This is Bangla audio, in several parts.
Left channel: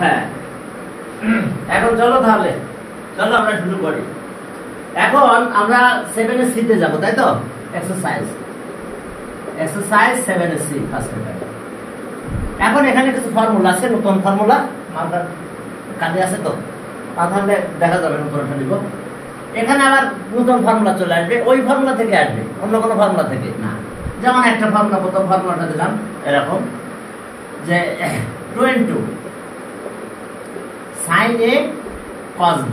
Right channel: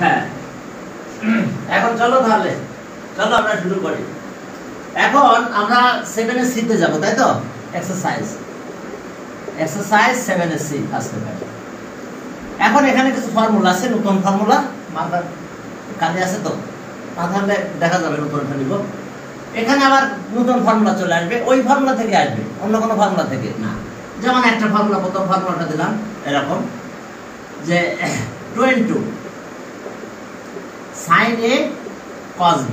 হ্যাঁ, এখন চলো তাহলে চলো আমরা শুরু করি। এখন আমরা 7 সি তে যাব, তাই তো? Exercise 7 C first paper. এখন এখানে কিছু ফর্মুলা আছে, নতুন ফর্মুলা মাথার কানে আছে তো, মাথায় দেখা যাবে নতুনটা লিখব। এখানে আবার নতুন ফর্মুলা চলে আসবে, ওই ফর্মুলা থেকে আসবে, অন্য কোনো ফর্মুলা থেকে না। যেমন একটা ফর্মুলা, প্রথম ফর্মুলাটা দিলাম এরকম যে 22 sin a cos b,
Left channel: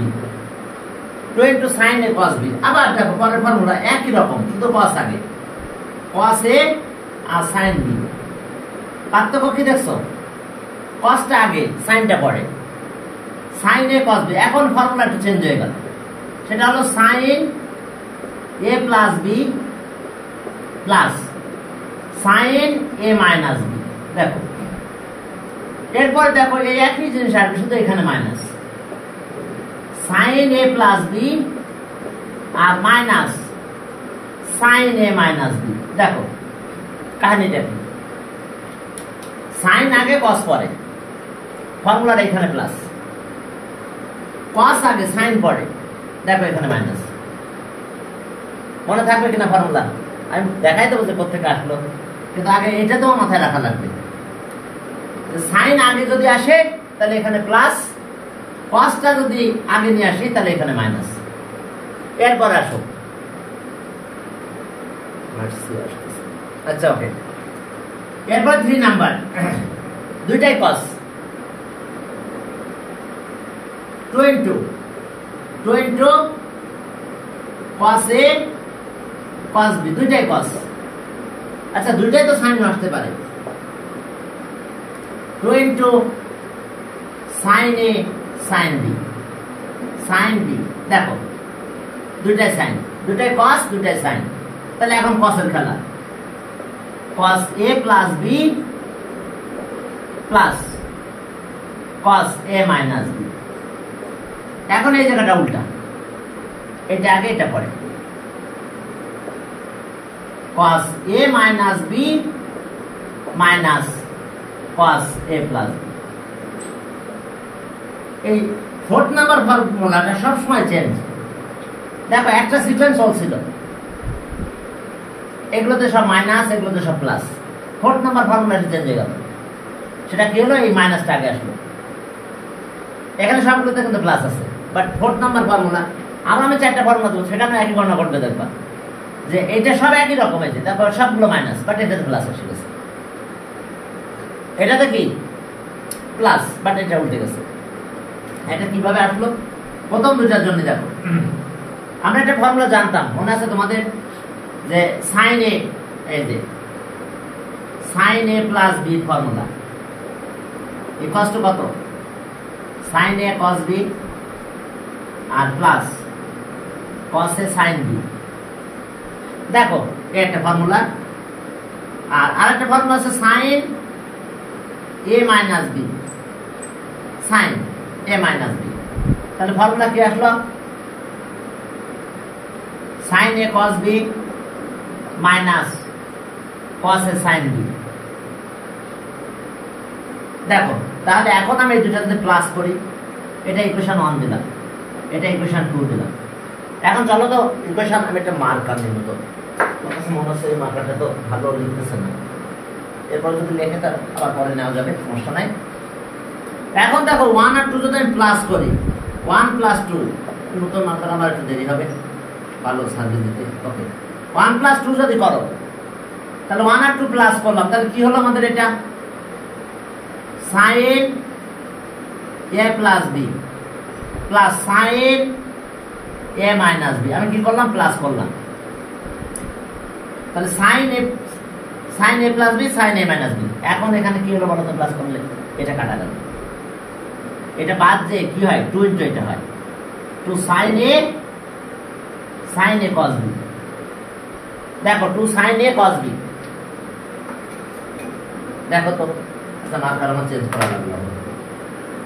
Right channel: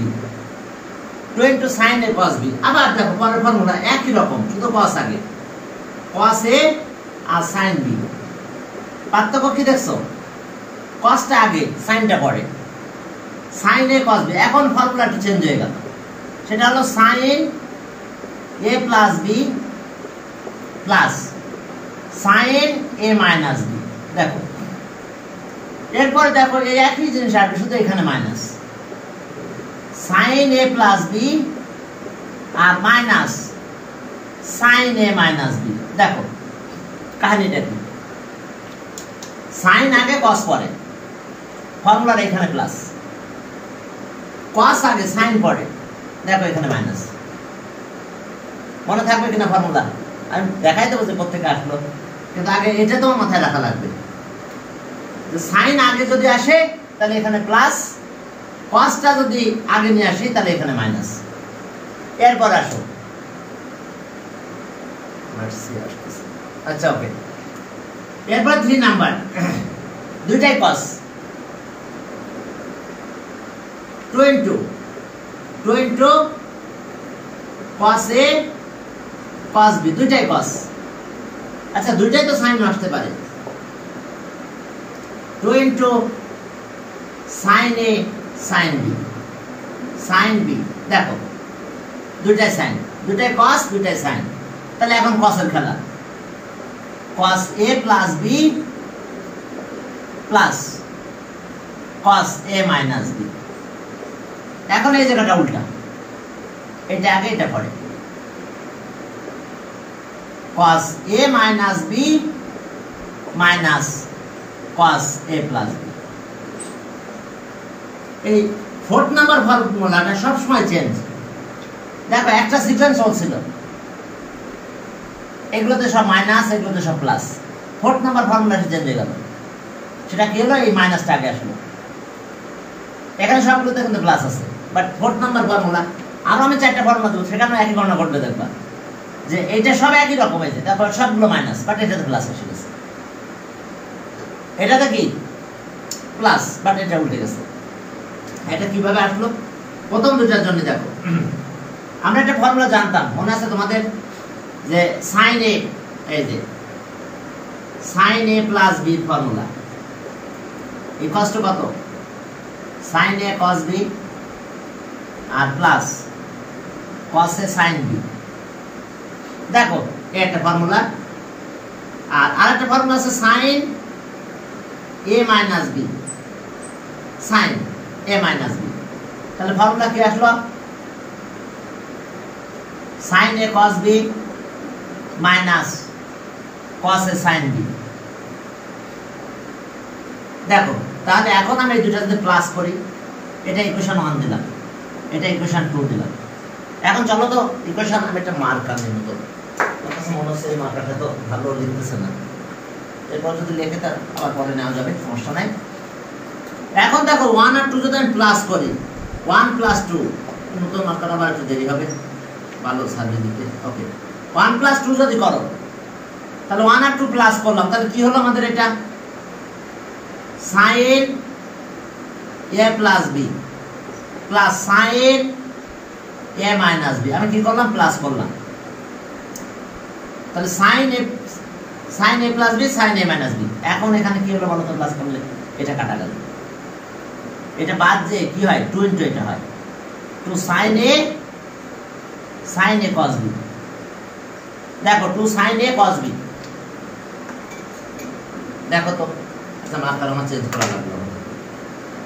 22 sin a cos b। আবার দেখো পরের ফর্মুলা একই রকম, শুধু cos আগে, cos a R sin b। পার্থক্য কি দেখছো? cosটা আগে, সাইনটা পরে, sin a cos b। এখন ফর্মুলাটা চেঞ্জ হয়ে গেল, সেটা হলো sin a plus b plus sin a minus b। দেখো এরপরে দেখো এই একই জিনিস আসবে, শুধু এখানে minus, sin a plus b আর minus sin a minus b। দেখো কাহিনীটা কি, sin আগে cos পরে, ফর্মুলার এখানে প্লাস, cos আগে sin পরে, দেখো এখানে মাইনাস। মনে থাকবে কিনা ফর্মুলা? আমি দেখাই দেবো যে কোথেকে আসলো, কিন্তু আগে এটা তো মাথায় রাখা লাগবে। সাইন আগে যদি আসে তাহলে এখানে প্লাস, কসটা যদি আগে নিয়ে আসে তাহলে এখানে মাইনাস। এরপর আসো, আচ্ছা ওকে, এরপর 3 নাম্বার, দুইটাই কস, 22 cos a cos b, দুইটাই কস। আচ্ছা দুইটাই তো সাইন আসতে পারে, 22 sin a sin b, sin b। দেখো দুইটাই সাইন, দুইটাই cos, দুইটাই সাইন। তাহলে এখন cos-এর খেলা, cos a plus b plus cos a minus b। এখন এই জায়গাটা উল্টা, এটা আগে এটা পরে, cos a minus b minus cos a plus b। এই 4th নাম্বার ফর্মুলাটা সবসময় চেঞ্জ। দেখো একটা সিকোয়েন্স চলছিল, এগুলোতে সব মাইনাস, এগুলোতে সব প্লাস। 4th নাম্বার ফর্মুলাটা চেঞ্জ হয়ে গেল, সেটা কি হলো? এই মাইনাসটা আগে আসলো, এখানে সবগুলোতে কিন্তু প্লাস আছে, বাট 4th নাম্বার ফর্মুলা। আর আমি 4টা ফর্মুলা দেবো, সেটা আমরা একই গণনা করবে, দেখবা যে এটা সব একই রকম হয়েছে, তারপর সবগুলো মাইনাস, বাট এটাতে প্লাস এসে গেছে, এটাতে কি প্লাস, বাট এটা উল্টে গেছে। এটা কিভাবে আসলো? প্রথম দুটার জন্য দেখো, আমরা একটা ফর্মুলা জানতাম, মনে আছে তোমাদের, যে sin a, এই যে sin a plus b formula equals to কত? sin a cos b আর plus cos a sin b। দেখো এই একটা ফর্মুলা, আর আরেকটা ফর্মুলা আছে sin a minus b, sin a minus b। তাহলে ফর্মুলা কি আসলো? sin a cos b minus cos a sin b। দেখো তাহলে এখন আমি এই দুটো যদি প্লাস করি, এটা ইকুয়েশন 1 দিলাম, এটা ইকুয়েশন 2 দিলাম। এখন চলো তো ইকুয়েশন, আমি একটা মার্কার নিব, তো মনে হচ্ছে এই মার্কারটা তো ভালো লিখতেছে না, এরপর যদি লিখে তার আবার পরে নেওয়া যাবে, সমস্যা নাই। এখন দেখো 1 আর 2 যদি আমি প্লাস করি, 1 plus 2, নতুন মার্কার আবার একটু দেরি হবে ভালো সার্ভিস দিতে। ওকে, 1 plus 2 যদি করো, তাহলে 1 আর 2 প্লাস করলাম, তাহলে কি হলো আমাদের? এটা sin a plus b plus sin a minus b। আমি কি করলাম? প্লাস করলাম, তাহলে sin a plus b sin a minus b। এখন এখানে কি হলো বলো তো? প্লাস করলে এটা কাটা গেল, এটা বাদ যে কি হয়? 2 ইনটু এটা হয় 2 sin a cos b। দেখো 2 sin a cos b। দেখো তো, আচ্ছা মার্কার আমার চেঞ্জ করা লাগলো।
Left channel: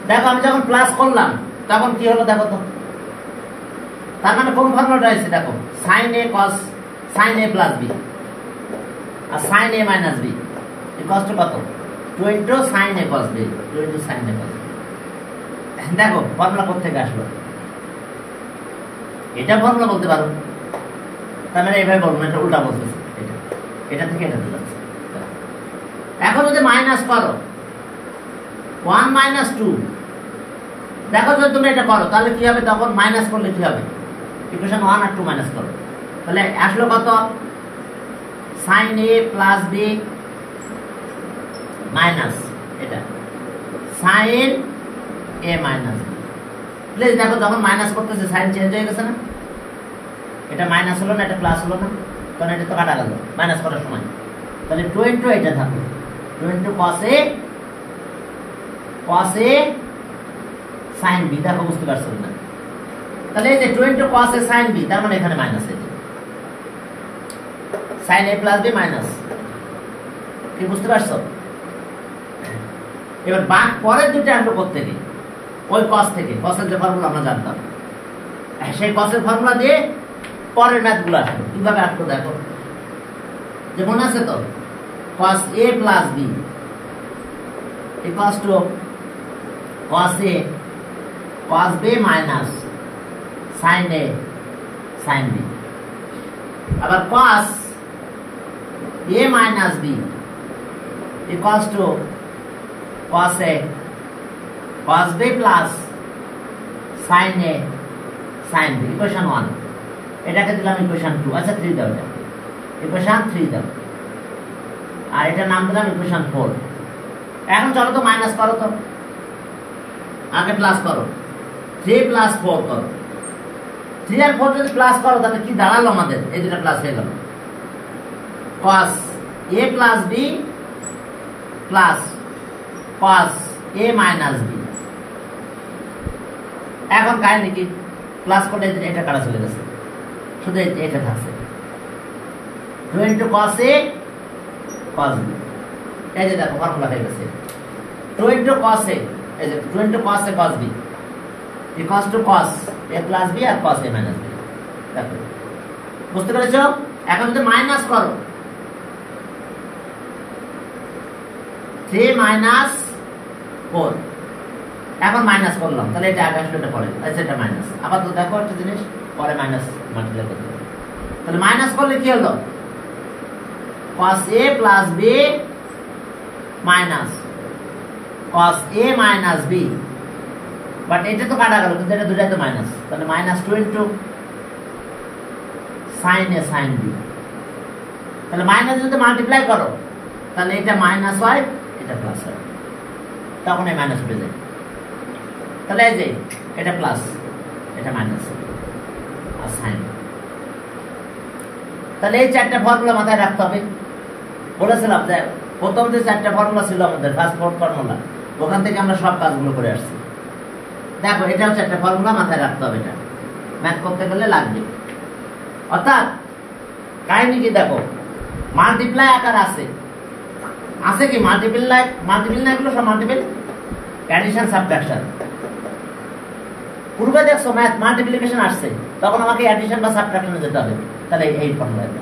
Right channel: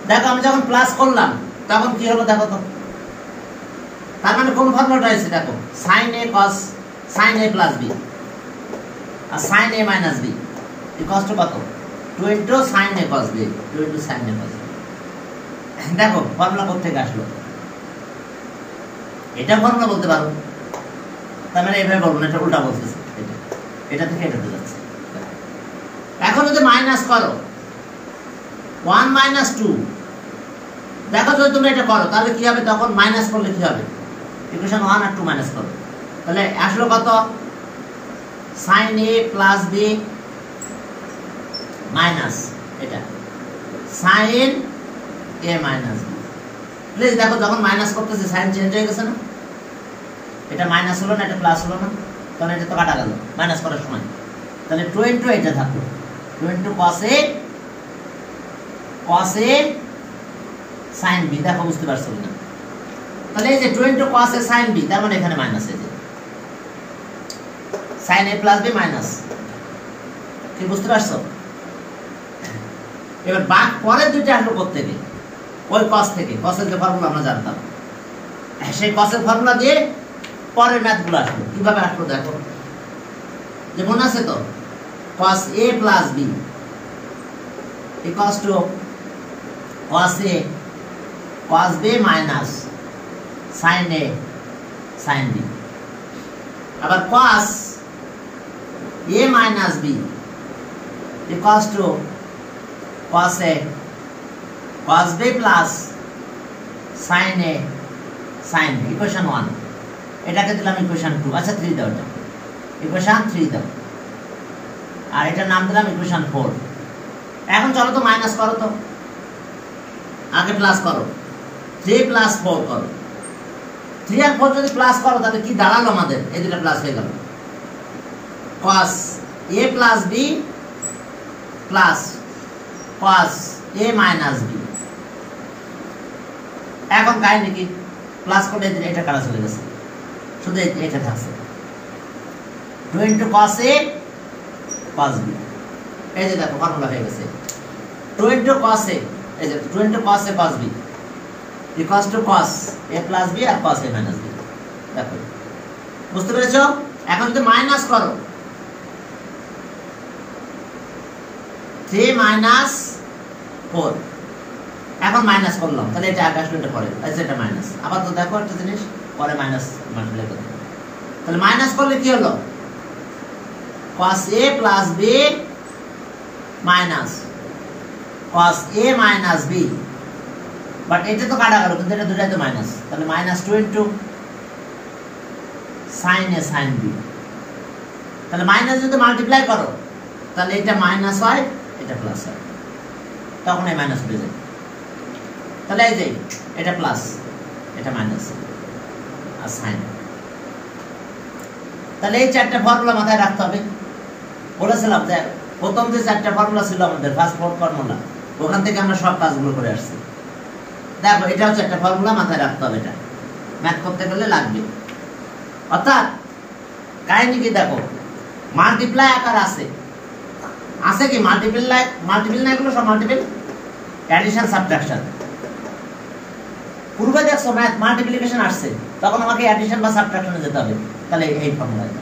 দেখো আমি যখন প্লাস করলাম তখন কি হলো দেখো তো, তার মানে কোন ফর্মুলাটা আছে? দেখো sin a cos, sin a plus b আর sin a minus b equals to কত? 2 into sin a cos b, 2 into sin a cos b। দেখো ফর্মুলা কোথা থেকে আসলো, এটা ফর্মুলা বলতে পারো, তার মানে এইভাবে বলবো না, এটা উল্টা বলতেছে, এটা থেকে এটা যাচ্ছে। এখন যদি মাইনাস করো 1 মাইনাস 2, দেখো যদি তুমি এটা করো তাহলে কি হবে, তখন মাইনাস করলে কি হবে, ইকুয়েশন 1 আর 2 মাইনাস করো, তাহলে আসলো কত, sin a plus b minus এটা sin a minus b। Please দেখো যখন মাইনাস করতেছে সাইন চেঞ্জ হয়ে গেছে না, এটা মাইনাস হলো না, এটা প্লাস হলো না, তখন এটা তো কাটা গেল মাইনাস করার সময়, তাহলে 2 ইনটু এটা থাকলো 2 into cos a sin b। দেখো বুঝতে পারছো না, তাহলে এই যে 2 into cos a sin b, তার মানে এখানে মাইনাস এই যে sin a plus b minus, কি বুঝতে পারছো? এবার বাক পরের দুইটা আসলো কোথা থেকে, ওই cos থেকে, cos এর যে ফর্মুলা আমরা জানতাম, সেই cos এর ফর্মুলা দিয়ে পরের ম্যাথগুলো আসলো। কিভাবে আসলো দেখো, যে মনে আছে তো, cos a plus b equals to cos a cos b minus sin a sin b। আবার cos a minus b equals to cos a cos b plus sin a sin b, equation 1। এটাকে দিলাম ইকুয়েশন 2, আচ্ছা 3 দাও, এটা ইকুয়েশন 3 দাও, আর এটার নাম দিলাম ইকুয়েশন 4। এখন চলো তো মাইনাস করো, তো আগে প্লাস করো, 3 প্লাস 4 করো, 3 আর 4 যদি প্লাস করো তাহলে কি দাঁড়ালো আমাদের, এই দুটো প্লাস হয়ে গেল, cos a plus b plus cos a minus b। এখন কাহিনী কি, প্লাস করলে এটা কাটা চলে গেছে, শুধু এটা থাকছে 2 into cos a cos b। এই যে দেখো ফর্মুলা হয়ে গেছে 2 ইনটু cos a, এই যে 2 into cos a cos b equals to cos a plus b আর cos a মাইনাস b। দেখো বুঝতে পেরেছো? এখন যদি মাইনাস করো 3 মাইনাস 4, এখন মাইনাস করলাম, তাহলে এটা আগে আসলে এটা পরে, আচ্ছা এটা মাইনাস, আবার তো দেখো একটা জিনিস, পরে মাইনাস মাল্টিপ্লাই করতে, তাহলে মাইনাস করলে কি হলো, cos a plus b minus cos a minus b, but এটা তো কাটা গেল, কিন্তু এটা দুটাই তো মাইনাস, তাহলে minus 2 into sin a sin b। তাহলে মাইনাস যদি মাল্টিপ্লাই করো তাহলে এটা মাইনাস হয়, এটা প্লাস হয়, তখন এই মাইনাস উঠে যায়, তাহলে এই যে এটা প্লাস এটা মাইনাস আর সাইন। তাহলে এই চারটা ফর্মুলা মাথায় রাখতে হবে। বলেছিলাম যে প্রথম যে চারটা ফর্মুলা ছিল আমাদের ফার্স্ট ফোর ফর্মুলা, ওখান থেকে আমরা সব কাজগুলো করে আসছি। দেখো এটা হচ্ছে একটা ফর্মুলা, মাথায় রাখতে হবে, এটা ম্যাথ করতে গেলে লাগবে। অর্থাৎ কাহিনী কি দেখো, মাল্টিপ্লাই আকার আছে কি মাল্টিপল না, এগুলো সব মাল্টিপল, অ্যাডিশন সাবট্রাকশন। পূর্বে দেখছো ম্যাথ মাল্টিপ্লিকেশন আসছে, তখন আমাকে অ্যাডিশন বা সাবট্রাকশনে যেতে হবে, তাহলে এই ফর্মুলাটা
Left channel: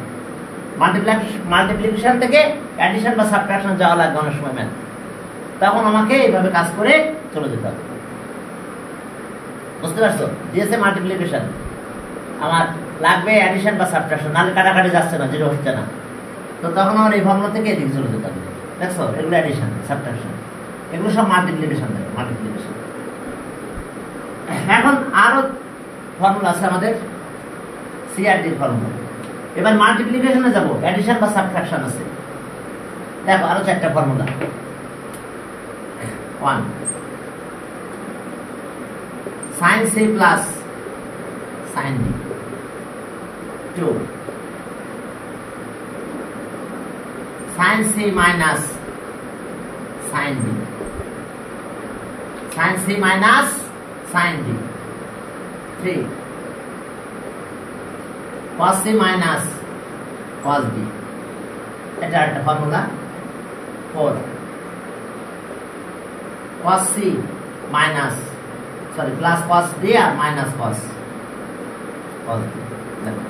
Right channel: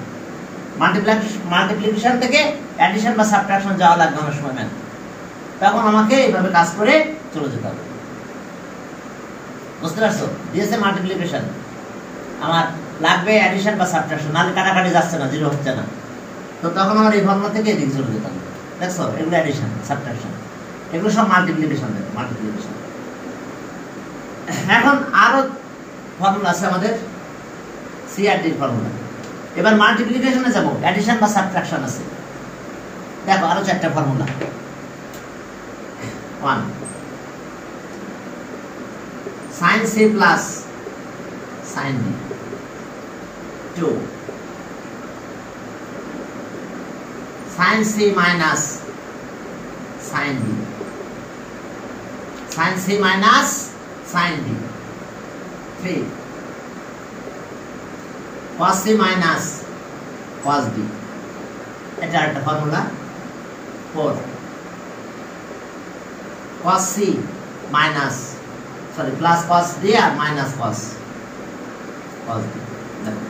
মাল্টিপ্লিকেশন থেকে অ্যাডিশন বা সাবট্রাকশন যাওয়া লাগবে অনেক সময় ম্যাথ, তখন আমাকে এইভাবে কাজ করে চলে যেতে হবে। বুঝতে পারছো? দিয়েছে মাল্টিপ্লিকেশন, আমার লাগবে অ্যাডিশন বা সাবট্রাকশন, নাহলে কাটাকাটি যাচ্ছে না, জিরো হচ্ছে না, তো তখন আমার এই ফর্মুলা থেকে এদিকে চলে যেতে হবে। দেখছো এগুলো অ্যাডিশন সাবট্রাকশন, এগুলো সব মাল্টিপ্লিকেশন থাকে, মাল্টিপ্লিকেশন। এখন আরো ফর্মুলা আছে আমাদের, সিআরটির ফর্মুলা। এবার মাল্টিপ্লিকেশনে যাব, অ্যাডিশন বা সাবট্রাকশন আছে। দেখো আরো চারটা formula, 1 sin c plus sin b, 2 sin c minus sin b, sin c minus sin b, 3 cos c minus cos b, এটা একটা formula. 4 cos c minus plus cos b আর minus cos b। দেখো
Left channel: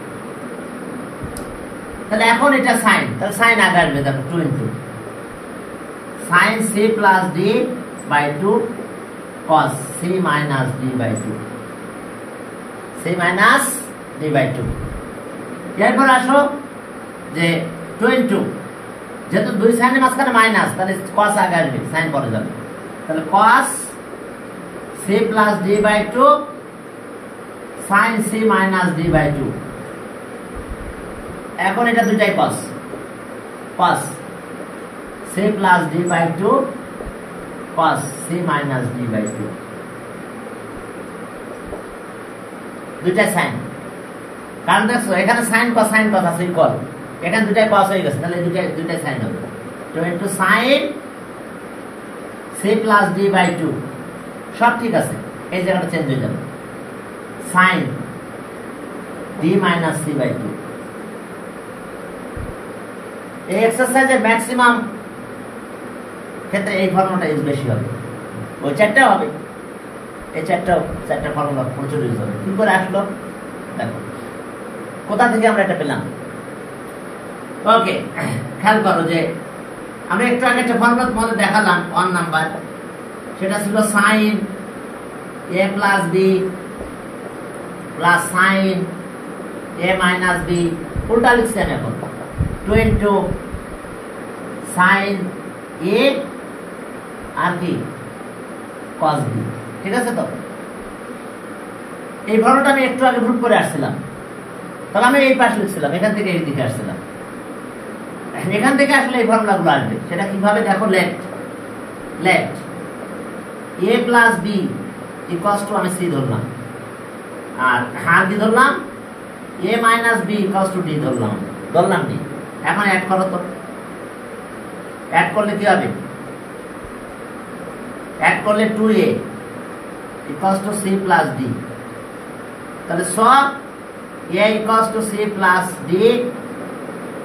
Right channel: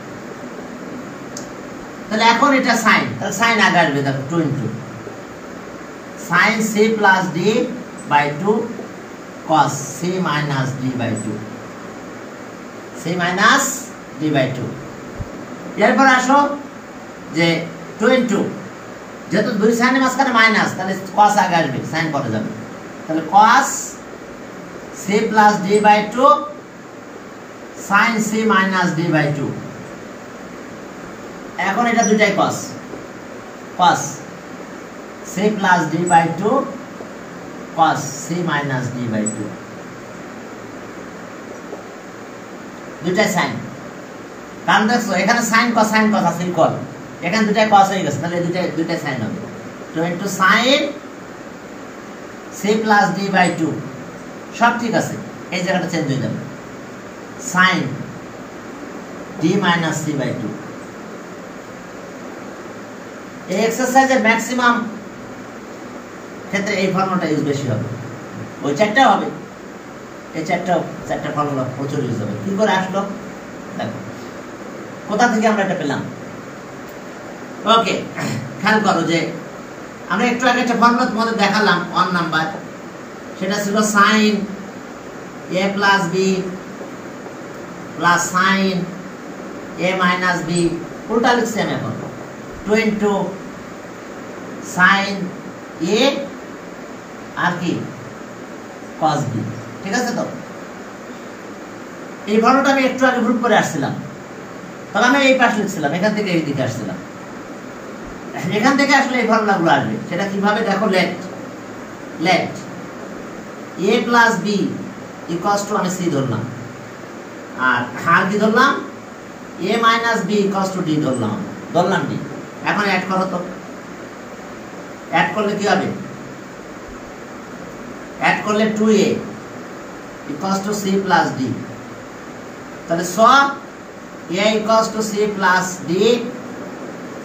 তাহলে এখন এটা সাইন, তাহলে সাইন আগে আসবে, দেখো 2 into sin c plus d by 2 cos c minus d by 2 c minus d by 2 এরপর আসো যে 2 যেহেতু দুই সাইনের মাঝখানে মাইনাস তাহলে cos আগে আসবে সাইন পরে যাবে তাহলে cos c plus d by 2 sin c minus d by 2 এখন এটা দুটাই cos c plus d by 2 cos c minus d by 2 দুটাই সাইন কারণ দেখো এখানে সাইন cos আছে ইকুয়াল এখানে দুটাই cos হয়ে গেছে তাহলে দুটাই সাইন হবে তো into sin c plus d by 2 সব ঠিক আছে এই জায়গাটা চেঞ্জ হয়ে যাবে sin d minus c by 2 এই এক্সারসাইজের ম্যাক্সিমাম ক্ষেত্রে এই ফর্মুলাটা ইউজ বেশি হবে ওই চারটা হবে এই চারটা ফর্মুলা প্রচুর ইউজ হবে কি করে আসলো দেখো কোথা থেকে আমরা এটা পেলাম ওকে খেয়াল করো যে আমরা একটু আগে একটা ফর্মুলা তোমাদের দেখালাম 1 নাম্বার সেটা ছিল sin a plus b plus sin a minus b উল্টা লিখছি আমি এখন 2 into sin a আর কি cos b ঠিক আছে তো এই ফর্মুলাটা আমি একটু আগে প্রুফ করে আসছিলাম তবে আমি এই পাশে লিখছিলাম এখান থেকে এই দিকে আসছিলাম এখান থেকে আসলে এই ফর্মুলাগুলো আসবে সেটা কিভাবে দেখো let a plus b equals to আমি c ধরলাম আর কি ধরলাম a minus b equals to d ধরলাম d এখন অ্যাড করো তো অ্যাড করলে কি হবে অ্যাড করলে 2a equals to c plus d তাহলে সব a equals to c plus d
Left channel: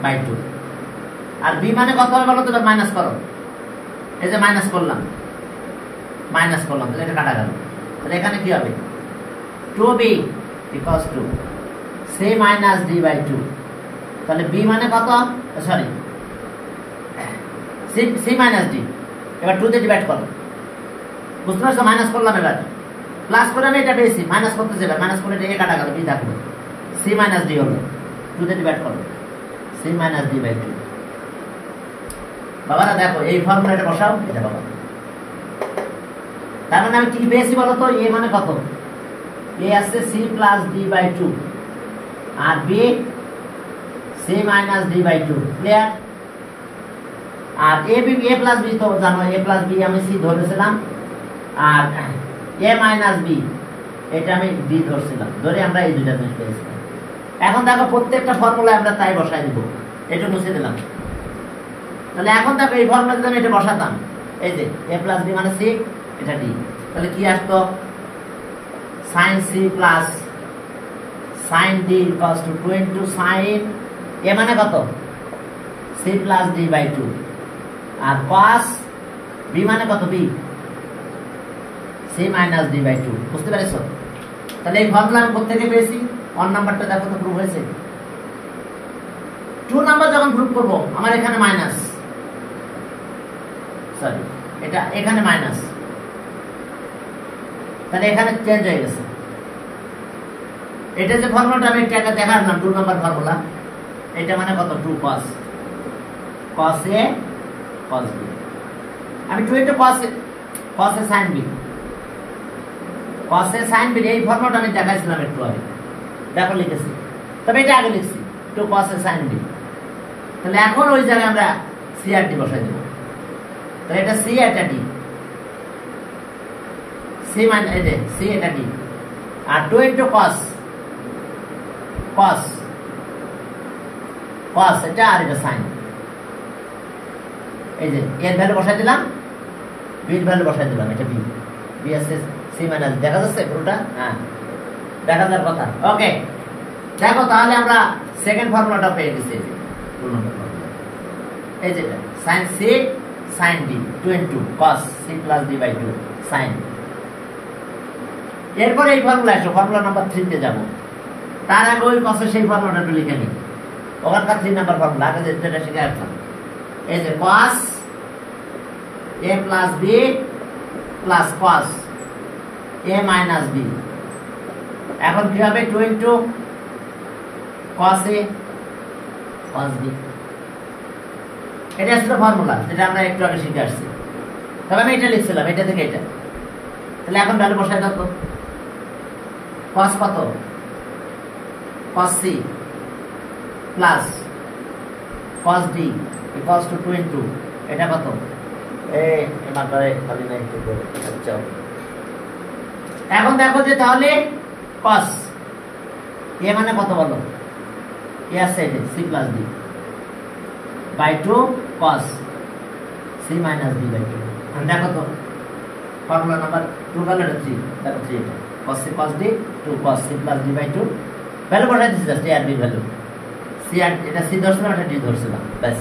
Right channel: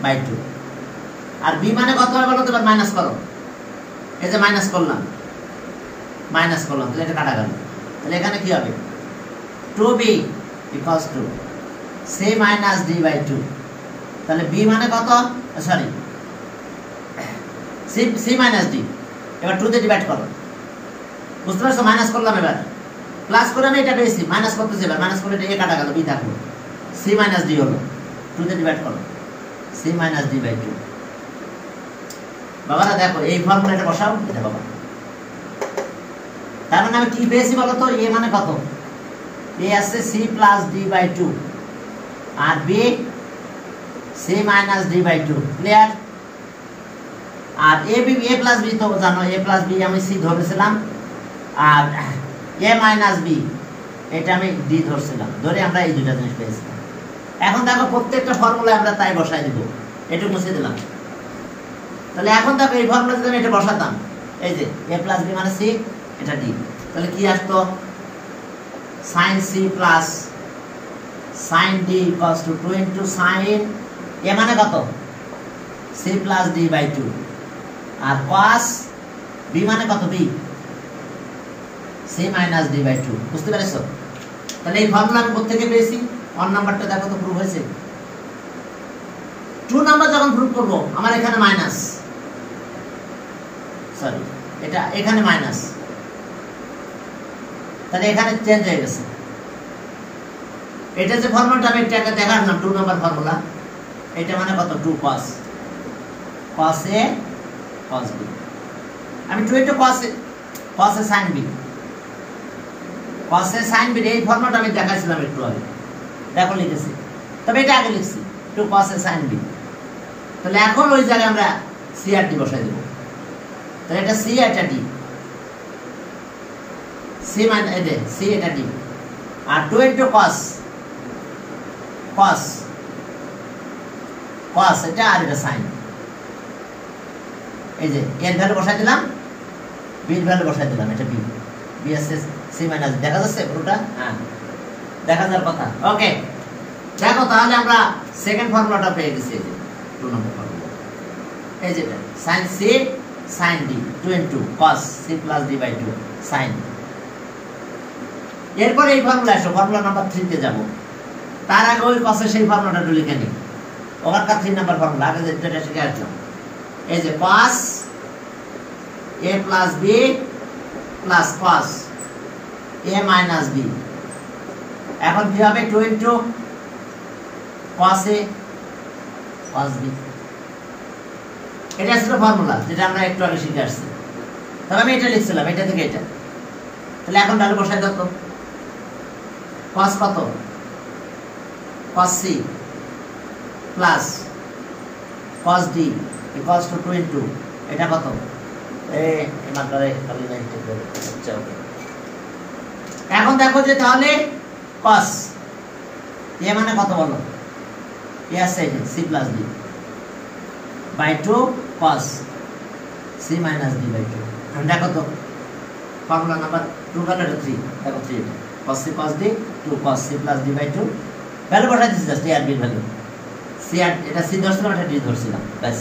by 2 আর b মানে কত হবে বলো তো মাইনাস করো এই যে মাইনাস করলাম তাহলে এটা কাটা গেল তাহলে এখানে কি হবে 2b equals to c minus d by 2 তাহলে b মানে কত সরি c minus d এবার 2 তে ডিভাইড করো বুঝতে পারছো মাইনাস করলাম এবার প্লাস করে আমি এটা পেয়েছি মাইনাস করতে যাবে মাইনাস করে এটা কাটা গেল b থাকলো c minus d হলো 2 তে ডিভাইড করো c minus d by 2 বাবারা দেখো এই ফর্মুলাটা বসাও এটা বাবা তার মানে আমি কি পেয়েছি বলো তো a মানে কত a আছে c plus d by 2 আর b c minus d by 2 clear আর a plus b তো জানো a plus b আমি c ধরেছিলাম আর a minus b এটা আমি d ধরছিলাম ধরে আমরা এই দুটো জিনিস পেয়েছিলাম এখন দেখো প্রত্যেকটা ফর্মুলা আমরা তাই বসাই দিব এটা মুছে দিলাম তাহলে এখন দেখো এই ফর্মুলা যদি আমি এটা বসাতাম এই যে a plus b মানে c এটা d তাহলে কি আসতো sin c plus sin d equals to 2 into sin a মানে কত c plus d by 2 আর cos b মানে কত b c minus d by 2 বুঝতে পেরেছো তাহলে এই ফর্মুলা আমি কোথা থেকে পেয়েছি 1 নাম্বারটা দেখো তো প্রুফ হয়েছে 2 নাম্বার যখন প্রুফ করব আমার এখানে মাইনাস সরি এটা এখানে মাইনাস তাহলে এখানে চেঞ্জ হয়ে গেছে এটা যে ফর্মুলাটা আমি এটা দেখালাম 2 নাম্বার ফর্মুলা এটা মানে কত 2 cos a cos b আমি 2 into cos a sin b sin b এই ফর্মুলাটা আমি দেখাইছিলাম একটু আগে দেখো লিখেছি তবে এটা আগে লিখছি 2 cos a sin b তাহলে এখন ওই জায়গায় আমরা c আর d বসাই দেব তাহলে এটা c এটা d c মানে এই যে c এটা d আর 2 into cos এটা আর এটা sin এই যে এর ভ্যালু বসাই দিলাম b এর ভ্যালু বসাই দিলাম এটা b আছে c মাইনাস দেখা যাচ্ছে পুরোটা হ্যাঁ দেখা যাওয়ার কথা ওকে দেখো তাহলে আমরা সেকেন্ড ফর্মুলাটা পেয়ে গেছি 2 নম্বর ফর্মুলা এই যেটা sin c sin d 2 into cos c plus d by 2 sin এরপর এই ফর্মুলা আসো ফর্মুলা নাম্বার 3 তে যাব তার আগে ওই cos সেই ফর্মুলাটা লিখে নিই ওখানকার 3 নাম্বার ফর্মুলা আগে যেটা শিখে আসলাম এই যে cos a plus b plus cos a minus b। এখন কি হবে 2 into cos a cos b। এটা ছিল ফর্মুলা যেটা আমরা একটু আগে শিখে আসছি। তবে আমি এটা লিখছিলাম এটা থেকে এটা। তাহলে এখন ভ্যালু বসাই দাও তো। cos কত? cos c plus cos d equals to 2 into এটা কত? এখন দেখো যে তাহলে cos a মানে কত বলো? a আছে c plus d by 2 cos c minus d by 2। দেখো তো ফর্মুলা নাম্বার 2 গেল 3, দেখো 3 এটা cos c cos d 2 cos c plus d by 2 value বসাই দিছি জাস্ট a আর b ভ্যালু। c আর এটা c ধরছিলাম এটা d ধরছিলাম ব্যাস।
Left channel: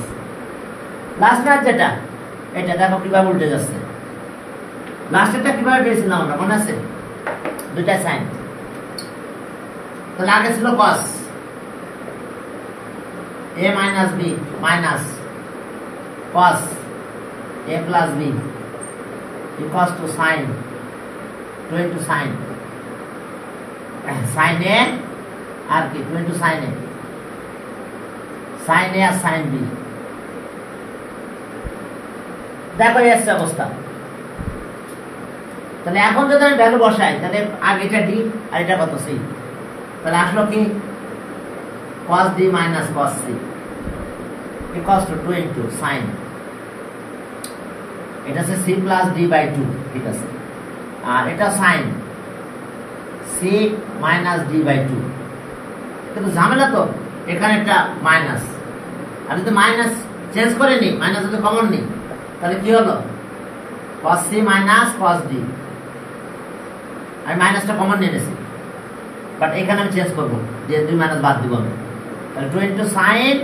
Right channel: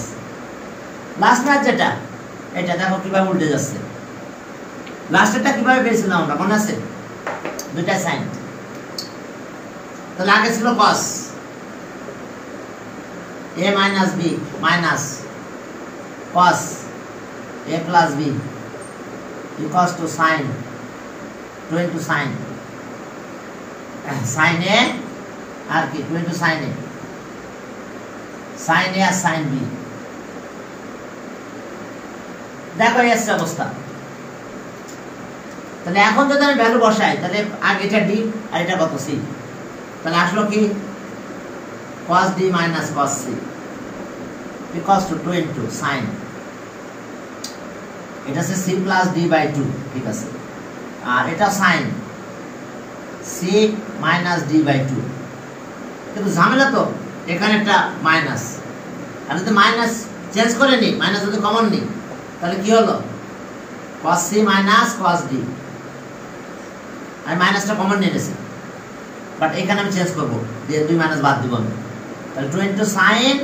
লাস্ট ম্যাচ যেটা এটা দেখো কিভাবে উল্টে যাচ্ছে। লাস্টেরটা কিভাবে পেয়েছিলাম আমরা মনে আছে? দুইটা সাইন। তাহলে আগে ছিল cos a minus b minus cos a plus b equals to sin 2 into sin sin a আর কি 2 into sin a sin a R sin b। দেখো এই অবস্থা। তাহলে এখন যদি আমি ভ্যালু বসাই তাহলে আর এটা d আর এটা কত c। তাহলে আসলো কি cos d minus cos c equals to 2 into sin এটা আছে c plus d by 2 ঠিক আছে। আর এটা sin c minus d by 2। কিন্তু ঝামেলা তো এখানে একটা মাইনাস, আর যদি মাইনাস চেঞ্জ করে নি মাইনাস যদি কমন নি তাহলে কি হলো cos c minus cos d। আমি মাইনাসটা কমন নিয়ে নিয়েছি বাট এখানে আমি চেঞ্জ করব যে 2 মাইনাস বাদ দিব আমি। তাহলে 2 into sin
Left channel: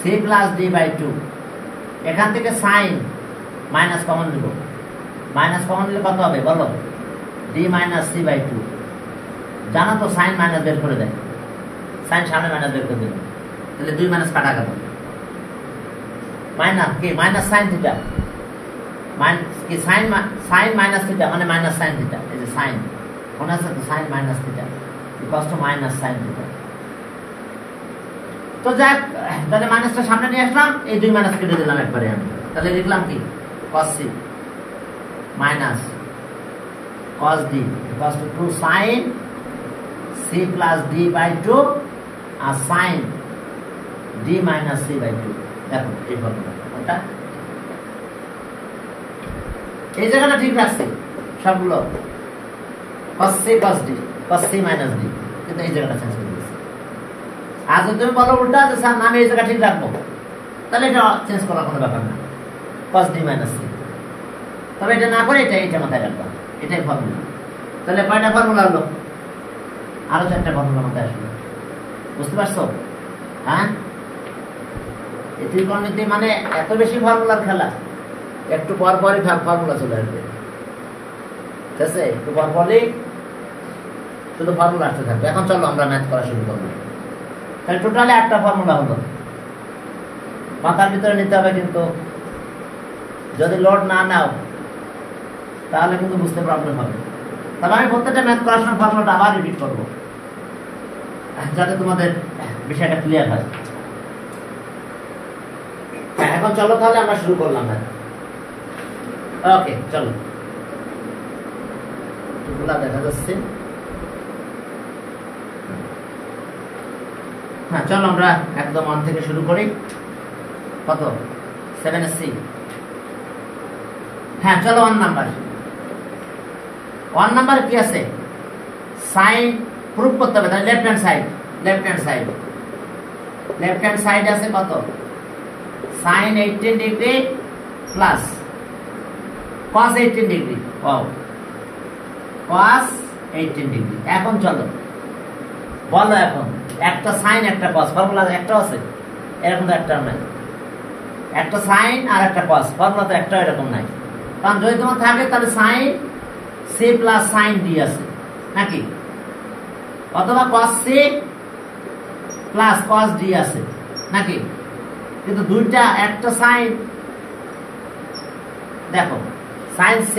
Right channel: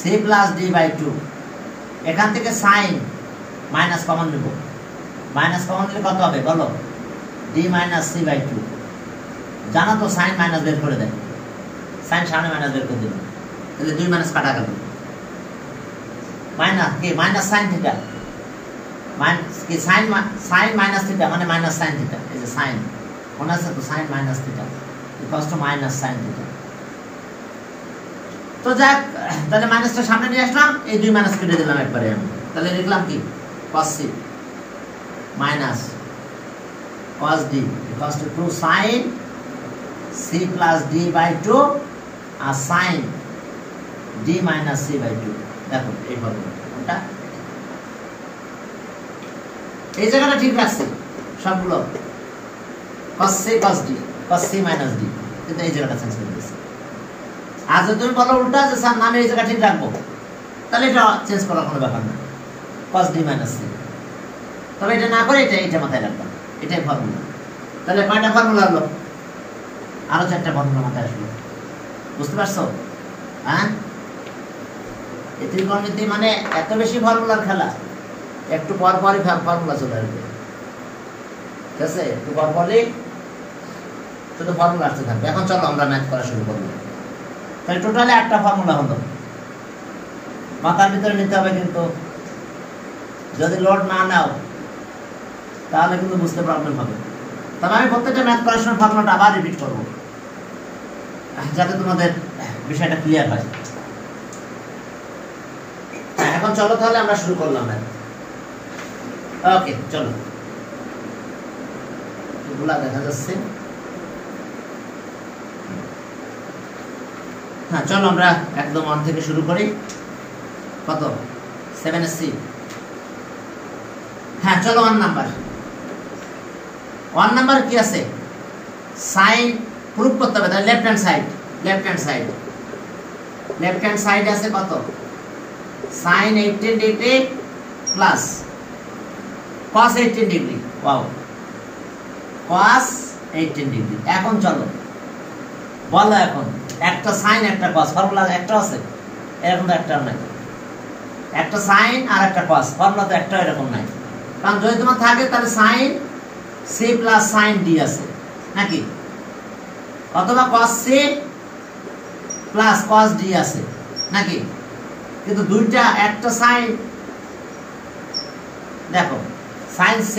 c plus d by 2। এখান থেকে sin মাইনাস কমন নেব, মাইনাস কমন নিলে কত হবে বলো? d minus c by 2। জানো তো sin মাইনাস বের করে দেয়, sin সামনে মাইনাস বের করে দিল তাহলে 2 মাইনাস কাটা গেল মাইনাস কি মাইনাস sin থিটা মাইনাস কি sin মাইনাস থিটা মানে মাইনাস sin থিটা। এই যে sin মনে আছে তো sin minus theta equals to minus sin theta. তো যাক তাহলে মাইনাসটা সামনে নিয়ে আসলাম, এই 2 মাইনাস কেটে দিলাম একবারে আমি। তাহলে লিখলাম কি cos c minus cos d equals to 2 sin c plus d by 2 R sin d minus c by 2। দেখো এইভাবে ওটা এই জায়গাটা ঠিক রাখছি সবগুলো cos c cos d cos c minus d, কিন্তু এই জায়গাটা চেঞ্জ করে দিয়েছি। আর যদি তুমি বলো উল্টা যে স্যার আমি এই জায়গা ঠিক রাখবো তাহলে এটা চেঞ্জ করার কোনো ব্যাপার না cos d minus c। তবে এটা না করে এটা মাথায় রাখবা, এটাই ফর্মুলা। তাহলে কয়টা ফর্মুলা হলো? আরো 4টা ফর্মুলা মাথায় আসলো, বুঝতে পারছো? হ্যাঁ এই ত্রিকোণমিতি মানে এত বেশি ফর্মুলার খেলা, একটু পর পরই ফর্মুলা চলে আসবে ঠিক আছে, একটু পর পরই শুধু ফর্মুলা আসতে থাকবে। এখন চলো আমরা ম্যাথ করা শুরু করবো। তাহলে টোটালি 8টা ফর্মুলা হলো, মাথার ভিতরে নিতে হবে, কিন্তু যদি লোড না নাও তাহলে কিন্তু বুঝতে প্রবলেম হবে। তবে আমি প্রত্যেকটা ম্যাথ করার সময় ফর্মুলাটা আবার রিপিট করবো যাতে তোমাদের বিষয়টা ক্লিয়ার হয়। এখন চলো তাহলে আমরা শুরু করলাম ম্যাথ। ওকে চলো, টুকলা দেখা যাচ্ছে। হ্যাঁ চলো আমরা একদম 1 থেকে শুরু করি। কত 7sc। হ্যাঁ চলো 1 নাম্বার কি আছে? সাইন প্রুফ করতে হবে। তাহলে লেফট হ্যান্ড সাইড আছে কত? sin 18 degree plus cos 18 degree. Wow, cos 18 degree. এখন চলো বলো, এখন একটা sin একটা cos ফর্মুলা একটা আছে, এরকম তো একটা নাই। একটা sin আর একটা cos ফর্মুলা তো একটা এরকম নাই। কারণ যদি তোমার থাকে তাহলে sin c plus sin d আছে নাকি, অথবা cos c plus cos d আছে নাকি। কিন্তু দুইটা, একটা sin দেখো sin c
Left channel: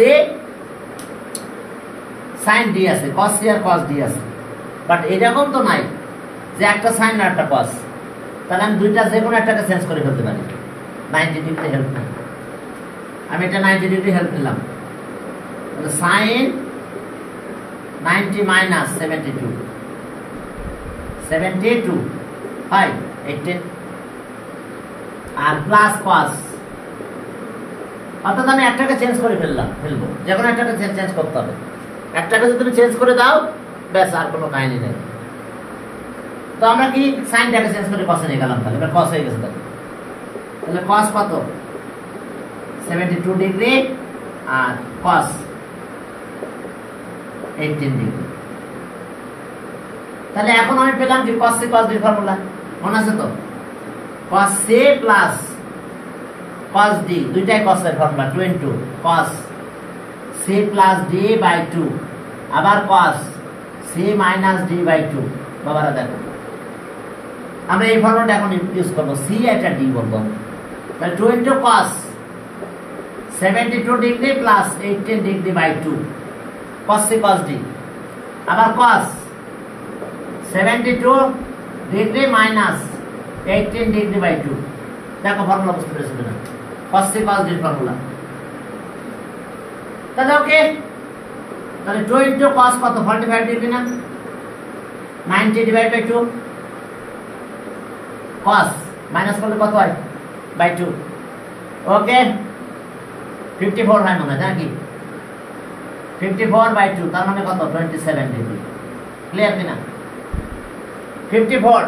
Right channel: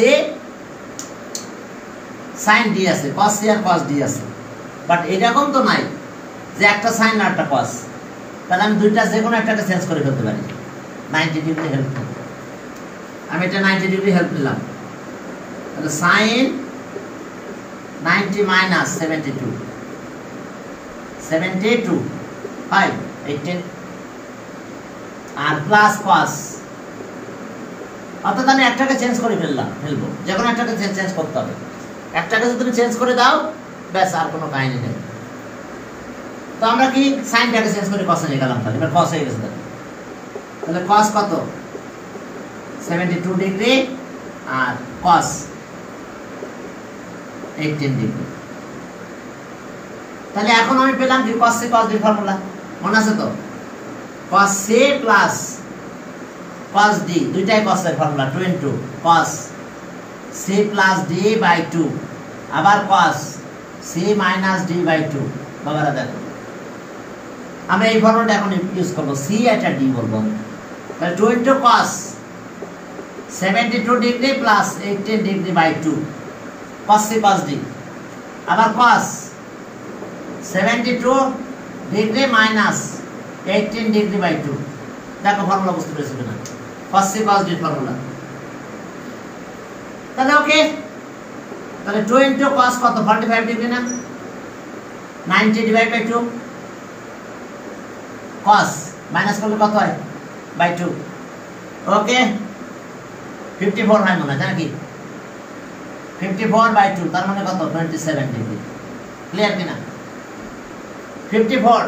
sin d আছে, cos c আর cos d আছে, বাট এরকম তো নাই যে একটা sin আর একটা cos। তাহলে আমি দুইটা যে কোনো একটাকে চেঞ্জ করে ফেলতে পারি 90 ডিগ্রি হেল্প নিয়ে। আমি এটা 90 ডিগ্রি হেল্প নিলাম, তাহলে sin 90 মাইনাস 72 হয় 18 আর প্লাস cos, অর্থাৎ আমি একটাকে চেঞ্জ করে ফেলবো, যে কোনো একটাকে চেঞ্জ করতে হবে। একটাকে যদি তুমি চেঞ্জ করে দাও ব্যাস, আর কোনো কাহিনী নেই। তো আমরা কি সাইনটাকে চেঞ্জ করে cos এ নিয়ে গেলাম, তাহলে এবার cos হয়ে গেছে। তাহলে cos কত 72 ডিগ্রি আর cos 18 ডিগ্রি। তাহলে এখন আমি পেলাম কি cos c cos d formula মনে আছে তো, cos c plus cos d, দুইটাই cos এর formula 2 into cos c plus d by 2 আবার cos c minus d by 2। বাবারা দেখো আমরা এই ফর্মুলাটা এখন ইউজ করব, c এটা d বলবো, তাহলে 2 into cos 72 degree plus 18 degree by 2 cos c cos d আবার cos 72 degree minus 18 degree by 2। দেখো ফর্মুলা বুঝতে পেরেছো কিনা, cos c cos d formula. তাহলে ওকে, তাহলে 2 into cos কত 45 ডিগ্রি না, 90 ডিভাইড বাই 2 cos মাইনাস করলে কত হয় বাই 2। ওকে 54 হয় মনে হয় নাকি, 54 বাই 2 তার মানে কত 27 ডিগ্রি। ক্লিয়ার কিনা 54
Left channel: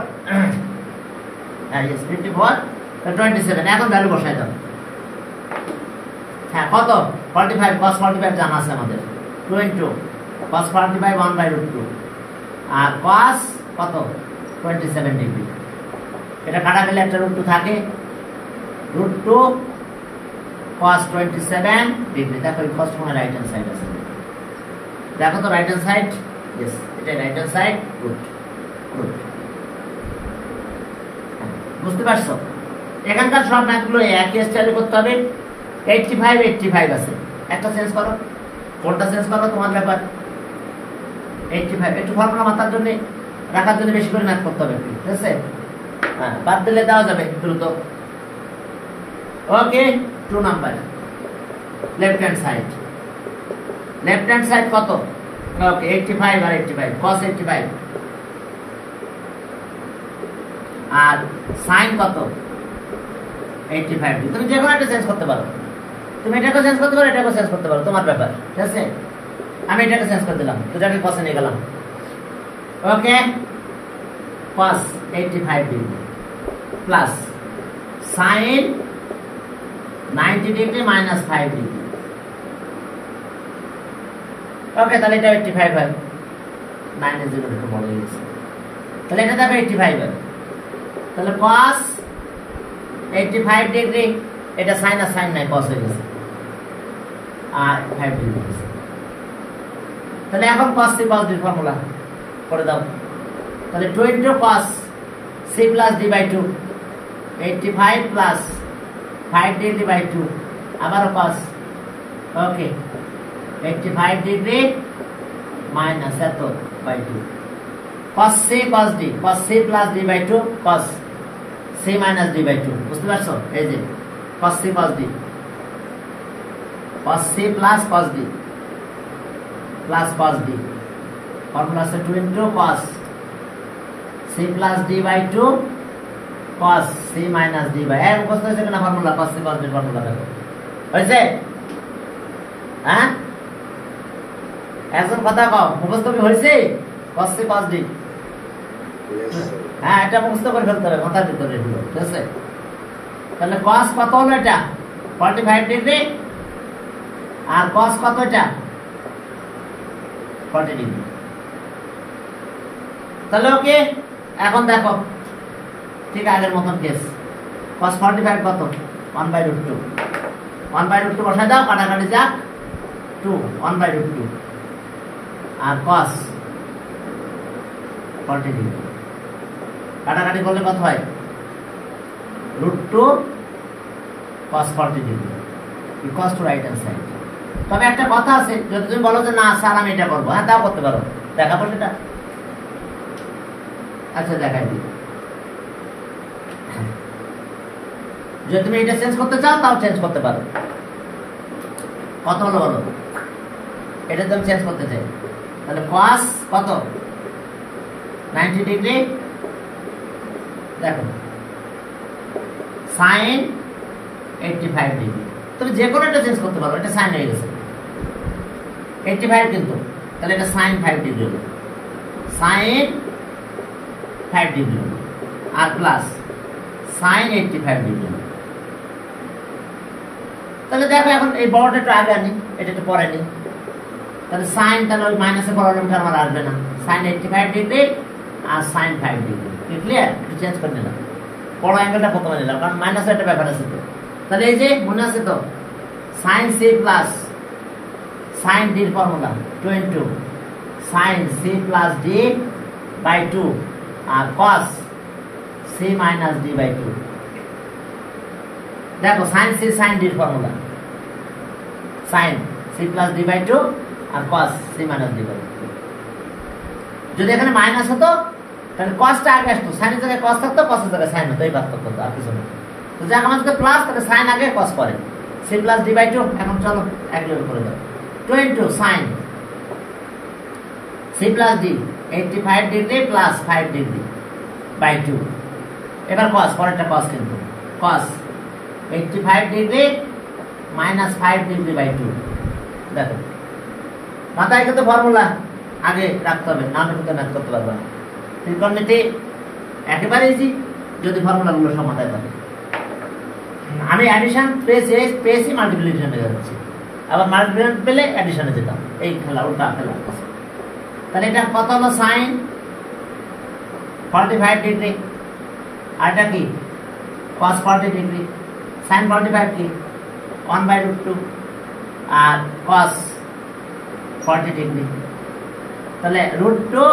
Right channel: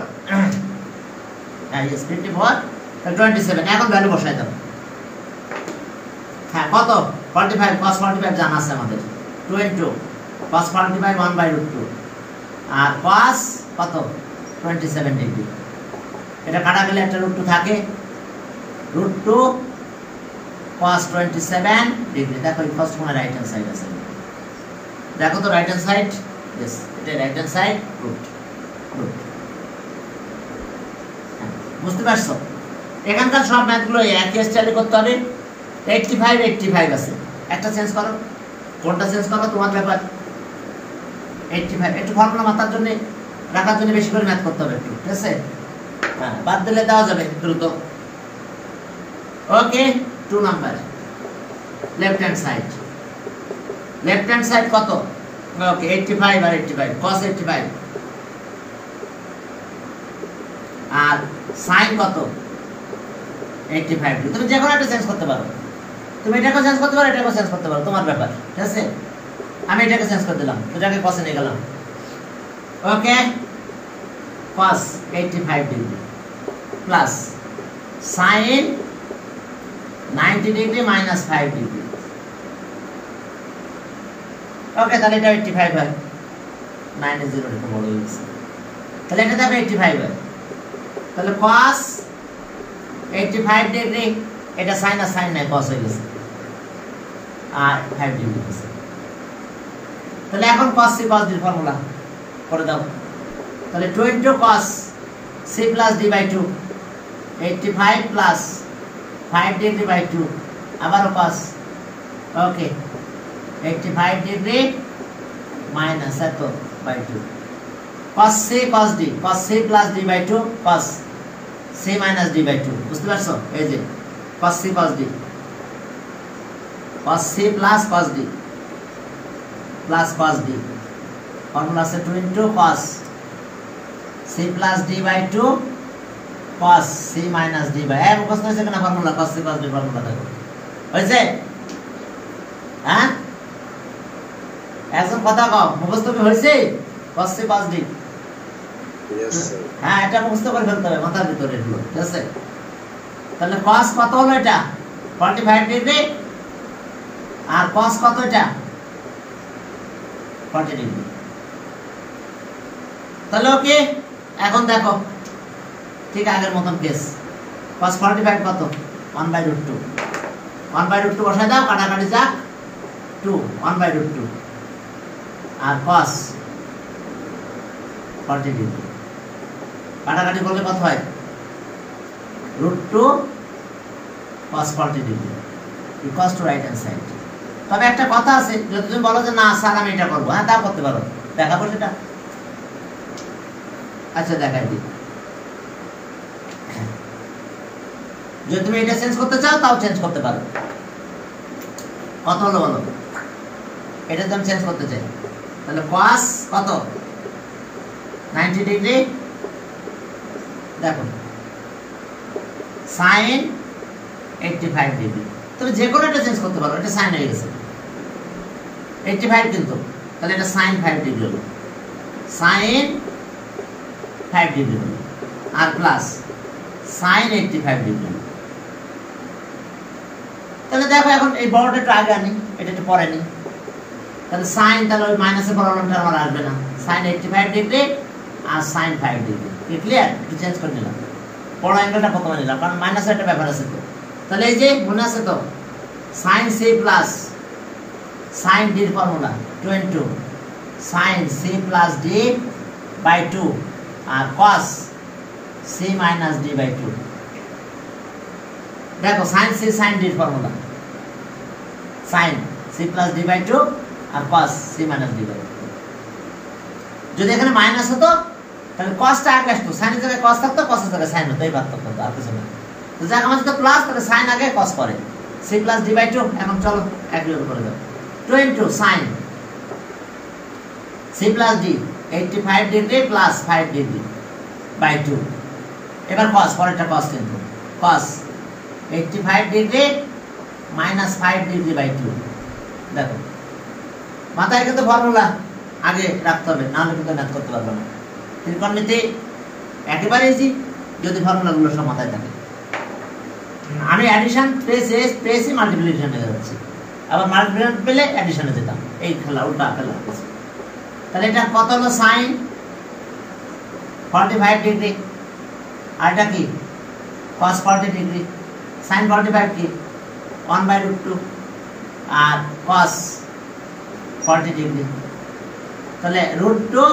হ্যাঁ यस 54 27। এখন ভ্যালু বসাই দাও। হ্যাঁ কত 45 cos 45 জানা আছে আমাদের, 2 into cos 45 1/√2 আর cos কত 27 ডিগ্রি। এটা কাটা গেলে একটা √2 থাকে, √2 cos 27 ডিগ্রি। দেখো ফার্স্ট কোণে রাইট হ্যান্ড সাইড আছে, দেখো তো রাইট হ্যান্ড সাইড, यस এটা রাইট হ্যান্ড সাইড √, বুঝতে পারছো? এখানকার সব ম্যাথগুলো একই স্টাইলে করতে হবে। 85 আছে, একটা চেঞ্জ করো, কোনটা চেঞ্জ করো তোমার ব্যাপার। 85 একটু ফর্মুলা মাথার জন্য রাখার জন্য বেশি করে ম্যাথ করতে হবে, ঠিক আছে? হ্যাঁ বাদ দিলে দেওয়া যাবে দ্রুত। ওকে 2 নাম্বার লেফট হ্যান্ড সাইড কত, ওকে 85 আর 85 cos 85 আর sin কত 85 ডিগ্রি। তুমি যে কোনো একটা চেঞ্জ করতে পারো, তুমি এটাকে চেঞ্জ করতে পারো, এটাকে চেঞ্জ করতে পারো, তোমার ব্যাপার, ঠিক আছে? আমি এটাকে চেঞ্জ করে দিলাম, এটাকে cos এ নিয়ে গেলাম। Okay cos 85 degree plus sin 90 degree minus 5 degree. Okay তাহলে এটা 85 হয়, 9 এর 0 একটু বড় হয়ে গেছে, তাহলে এটা দেখো 85 হয়। তাহলে cos 85 ডিগ্রি, এটা sin আর sin নাই cos হয়ে গেছে আর 5 ডিগ্রি হয়েছে। তাহলে এখন cos c cos d formula করে দাও। তাহলে 2 into cos c plus d by 2 85 plus 5 degree by 2 আবারও cos, ওকে 85 ডিগ্রি মাইনাস এত by 2 cos c cos d, cos c plus d by 2 cos c minus d by 2। বুঝতে পারছো? এই যে cos c cos d, cos c plus cos d plus cos d formula আছে 2 into cos c plus d by 2 cos c minus d by, এই মুখস্থ হয়েছে কিনা formula cos c cos d formula দেখো হয়েছে? হ্যাঁ একজন কথা কও, মুখস্থ কি হয়েছে cos c cos d? হ্যাঁ এটা মুখস্থ করে ফেলতে হবে মাথার ভিতরে, ঠিক আছে? তাহলে cos কত হলো এটা 45 ডিগ্রি আর cos কত এটা 40 ডিগ্রি। তাহলে ওকে এখন দেখো ঠিক আগের মতন কেস, cos 45 কত 1/√2, 1/√2 বসাই দাও, কাটাকাটি যাক 2 1/√2 আর cos 40 ডিগ্রি কাটাকাটি করলে কত হয় √2 cos 40 degree. Equals to right hand side. তবে একটা কথা আছে, যদি তুমি বলো যে না স্যার আমি এটা করবো, হ্যাঁ তা করতে পারো, দেখাবো সেটা। আচ্ছা দেখাই দিই। যদি তুমি এটা চেঞ্জ করতে চাও তাও চেঞ্জ করতে পারো। কত হলো বলো? এটা তুমি চেঞ্জ করতে চাই, তাহলে cos কত 90 ডিগ্রি, দেখো sin 85 ডিগ্রি। তুমি যে কোনো একটা চেঞ্জ করতে পারো, এটা sin হয়ে গেছে 85 কিন্তু, তাহলে এটা sin 5 ডিগ্রি হলো, sin 5 ডিগ্রি হলো, আর প্লাস sin 85 ডিগ্রি হলো। তাহলে দেখো এখন এই বড়টা একটু আগে আনি, এটা একটু পরে নি। তাহলে sin, তাহলে ওই মাইনাসে বড়টা আমার আসবে না, sin 85 ডিগ্রি আর sin 5 ডিগ্রি। ক্লিয়ার? একটু চেঞ্জ করে নিলাম, বড় অ্যাঙ্গেলটা প্রথমে নিলাম, কারণ মাইনাসে একটা ব্যাপার আছে তো। তাহলে এই যে মনে আছে তো, sin c plus sin d এর formula 22 sin c plus d by 2 আর cos c minus d by 2। দেখো sin c sin d এর formula sin c plus d by 2 আর cos c minus d by 2। যদি এখানে মাইনাস হতো তাহলে cosটা আগে আসতো, sin এর জায়গায় cos থাকতো, cos এর জায়গায় sin হতো, এই পার্থক্য হতো, আর কিছু না। তো যাক আমার যদি প্লাস, তাহলে sin আগে cos পরে, c প্লাস d বাই 2। এখন চলো একইভাবে করে দাও, 22 sin c plus d 85 degree plus 5 degree by 2। এবার cos, পরেরটা cos কিন্তু, cos 85 degree minus 5 degree by 2। দেখো মাথায় কিন্তু ফর্মুলা আগে রাখতে হবে, না হলে কিন্তু ম্যাথ করতে পারবে না। ত্রিকোণমিতি একেবারে ইজি যদি ফর্মুলাগুলো সব মাথায় থাকে। আমি অ্যাডিশন পেয়েছি মাল্টিপ্লিকেশন হয়ে যাচ্ছে, আবার মাল্টিপ্লিকেশন পেলে অ্যাডিশনে যেতাম, এই খেলা উল্টা খেলা। তাহলে এটা কত হলো sin 45 ডিগ্রি, আর এটা কি cos 40 ডিগ্রি, sin 45 কি 1/√2 আর cos 40 ডিগ্রি, তাহলে √2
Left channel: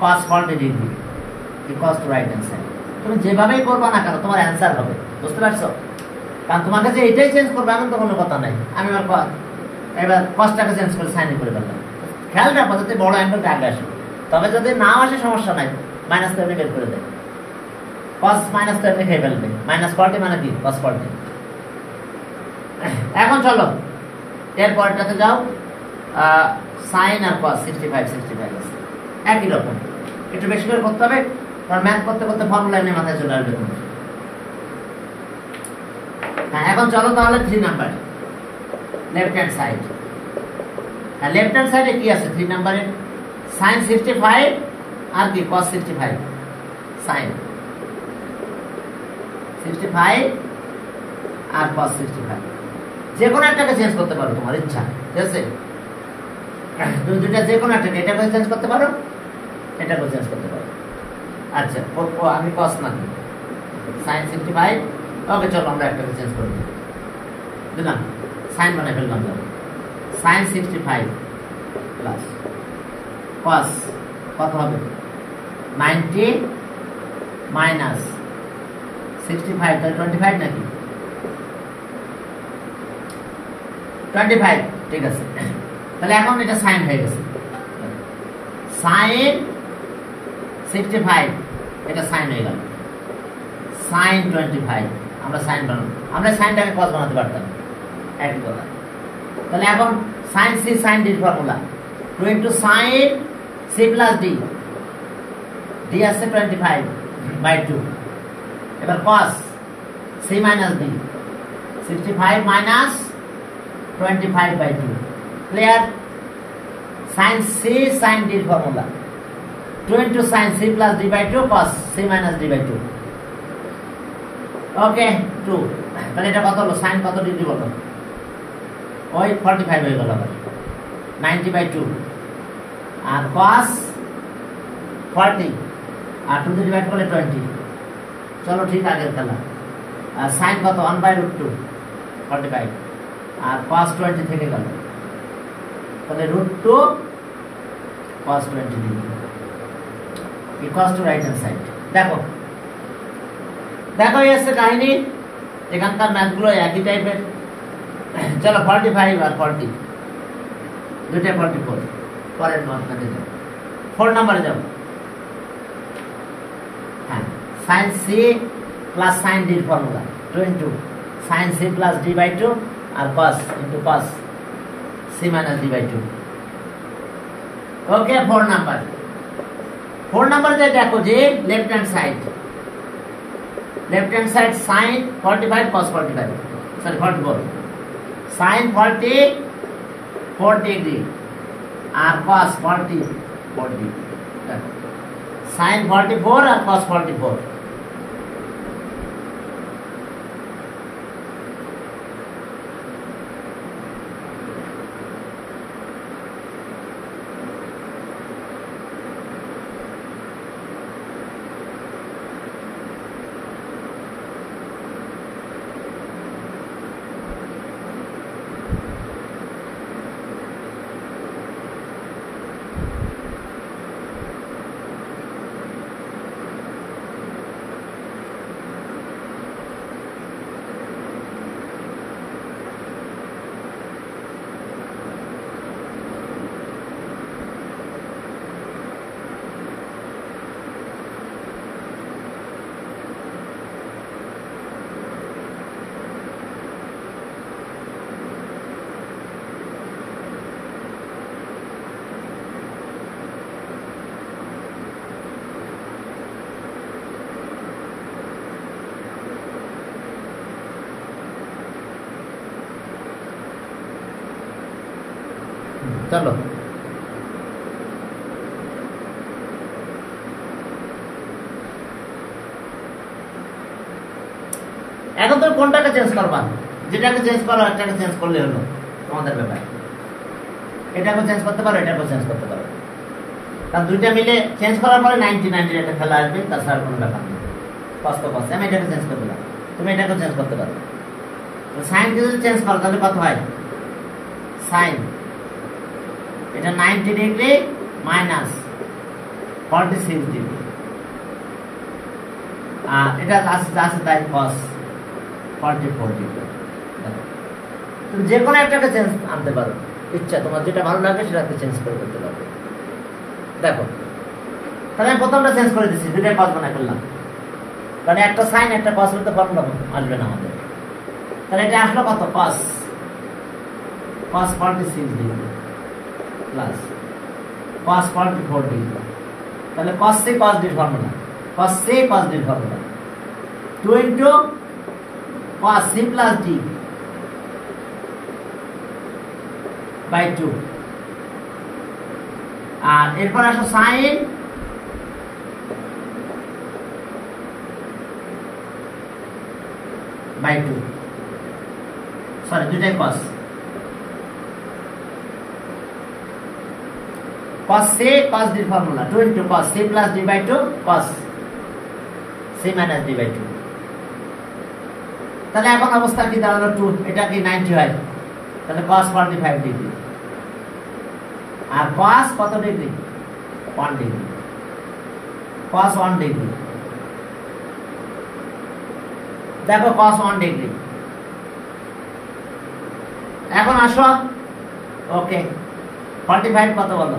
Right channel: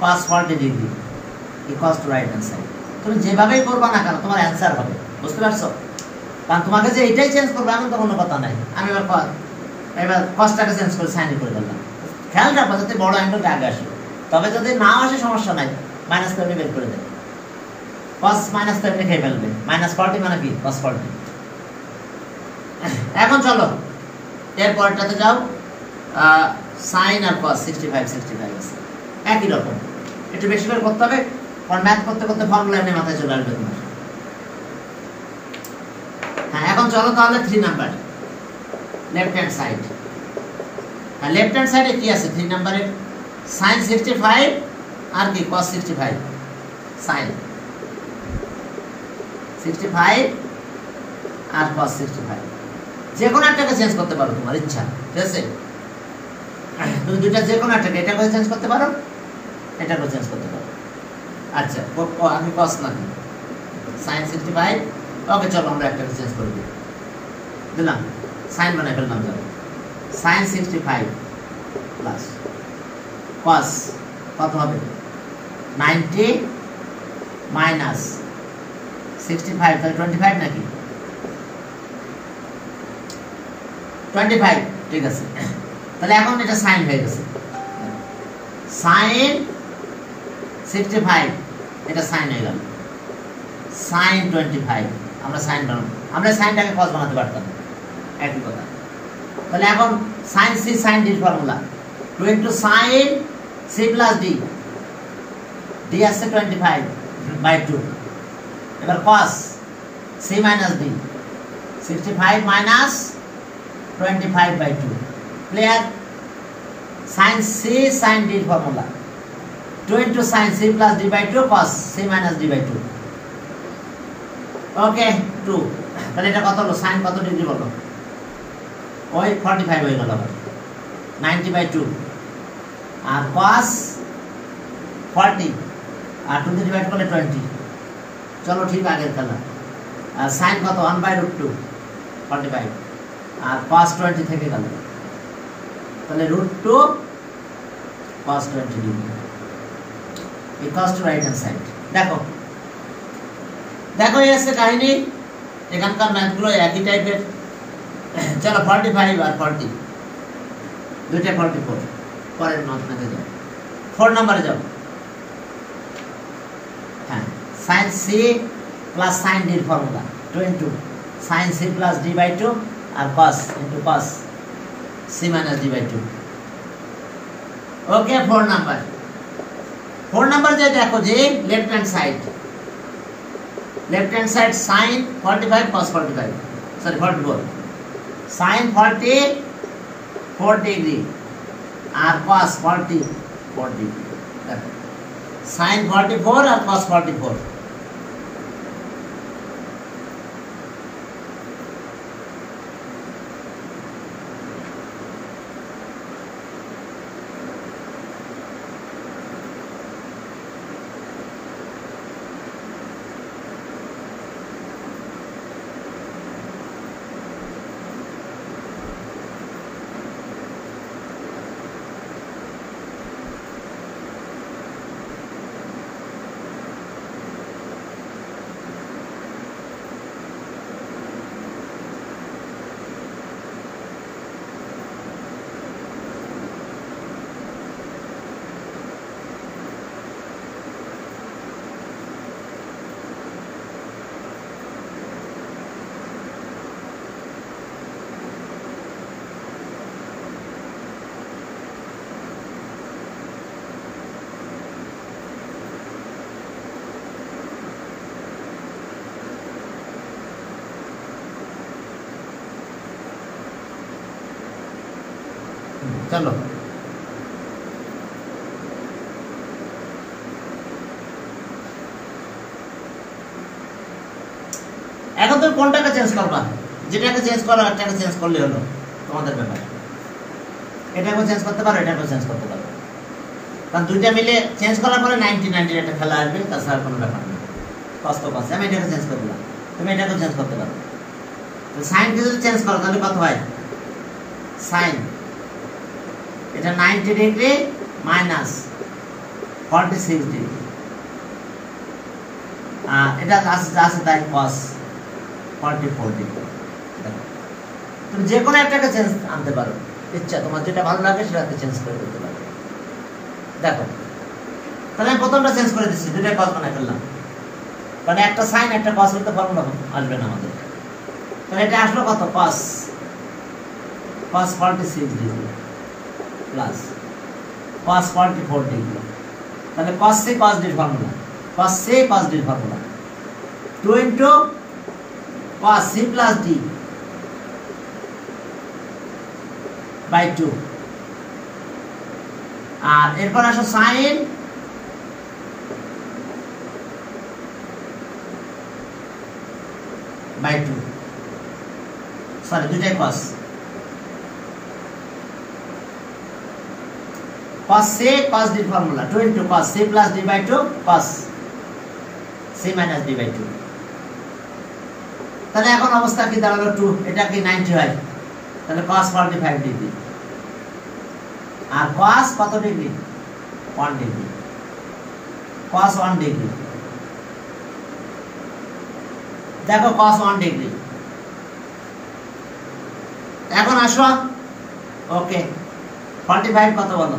cos 40 degree equals to right hand side. তুমি যেভাবেই করবা না কেন তোমার অ্যান্সার হবে, বুঝতে পারছো? কারণ তোমাকে যে এটাই চেঞ্জ করবে এমন তো কোনো কথা নাই। আমি এবার cosটাকে চেঞ্জ করে সাইন করে ফেললাম। খেয়াল রাখবো যাতে বড় অ্যাঙ্গেলটা আগে আসে, তবে যদি নাও আসে সমস্যা নাই, মাইনাস তেমনি বের করে দেয়, cos মাইনাস তেমনি খেয়ে ফেলবে, মাইনাস 40 মানে কি cos 40। এখন চলো এর পরেরটাতে যাও, sin আর cos 65 আছে, একই রকম, একটু বেশি করে করতে হবে, কারণ ম্যাথ করতে করতে ফর্মুলা এমনি মাথায় চলে আসবে তোমার। হ্যাঁ এখন চলো তাহলে 3 নাম্বার লেফট হ্যান্ড সাইড। হ্যাঁ লেফট হ্যান্ড সাইডে কি আছে 3 নাম্বারে? sin 65 আর কি cos 65, sin 65 আর cos 65, যে কোনো একটাকে চেঞ্জ করতে পারো তোমার ইচ্ছা, ঠিক আছে? তুমি দুইটা যে কোনো একটাকে, এটা করে চেঞ্জ করতে পারো, এটা করে চেঞ্জ করতে পারো। আচ্ছা আমি cos না sin 65, ওকে চলো আমরা একটাকে চেঞ্জ করে দিলাম, sin বানাই ফেললাম, যাবে sin 65 প্লাস cos কত হবে 90 মাইনাস 65, তাহলে 25 নাকি 25, ঠিক আছে। তাহলে এখন এটা sin হয়ে গেছে, sin 65 এটা sin হয়ে গেল, sin 25 আমরা sin বানাবো, আমরা sinটাকে cos বানাতে পারতাম, একই কথা। তাহলে এখন sin c sin d এর formula 2 sin c plus d, d আছে 25/2, এবার cos c minus d 65 minus 25/2। Clear? sin c sin d এর formula 2 sin c plus d by 2 cos c minus d by 2। ওকে 2, তাহলে এটা কত হলো? sin কত ডিগ্রি বলো? ওই 45 হয়ে গেল, আবার 90/2 আর cos 40 আর 2 ডিভাইড করলে 20। চলো ঠিক আগের খেলা। আর sin কত 1/√2 45 আর cos 20 থেকে গেল, তাহলে √2 cos 20 degree equals to right hand side. দেখো দেখো এই আছে কাহিনী, এখানকার ম্যাথগুলো একই টাইপের, चलो 45 और 40 দুইটা 44 পরের মধ্যে যাও 4 নম্বরে যাও হ্যাঁ sin c plus sin d formula 2 into sin c plus d by 2 আর cos into cos c minus d by 2 okay 4 number যে দেখো যে left hand side sin 45 cos 45 sorry 44 sin 4 degree আর cos 4 ডিগ্রি দেখো sin 44 আর cos 44 चलो এখন তুমি কোনটাকে চেঞ্জ করবা যেটাকে চেঞ্জ করো একটাকে চেঞ্জ করলে হলো তোমাদের ব্যাপার এটাকে চেঞ্জ করতে পারো এটাকে চেঞ্জ করতে পারো কারণ দুইটা মিলে চেঞ্জ করার পরে 90 একটা খেলা আসবে তাছাড়া কোনো ব্যাপার নেই কষ্ট কষ্ট আমি এটাকে চেঞ্জ করে দিলাম তুমি এটাকে চেঞ্জ করতে পারো সাইন যদি চেঞ্জ করো তাহলে কত হয় সাইন এটা 90 ডিগ্রি মাইনাস 46 ডিগ্রি আর এটা আছে তাই cos 44 ডিগ্রি তুমি যে কোনো একটাকে চেঞ্জ আনতে পারো ইচ্ছা তোমার যেটা ভালো লাগে সেটাকে চেঞ্জ করে দিতে পারো দেখো তাহলে আমি প্রথমটা চেঞ্জ করে দিচ্ছি দুইটা cos বানাই ফেললাম কারণ একটা সাইন একটা cos করতে ফর্মুলা আসবে না আমাদের তাহলে এটা আসলো কত cos 46 degree plus cos 44 degree তাহলে cos c cos d formula cos c cos d formula 2 into cos c plus d by 2 আর এরপর আসো sin by 2 সরি দুইটাই cos cos c cos d formula 2 into cos c plus d by 2 cos c minus d by 2 তাহলে এখন অবস্থা কি দাঁড়ালো 2 এটা কি 90 হয় তাহলে cos 45 ডিগ্রি আর cos কত ডিগ্রি 1 ডিগ্রি cos 1 ডিগ্রি দেখো cos 1 ডিগ্রি এখন আসো ওকে 45 কত বলো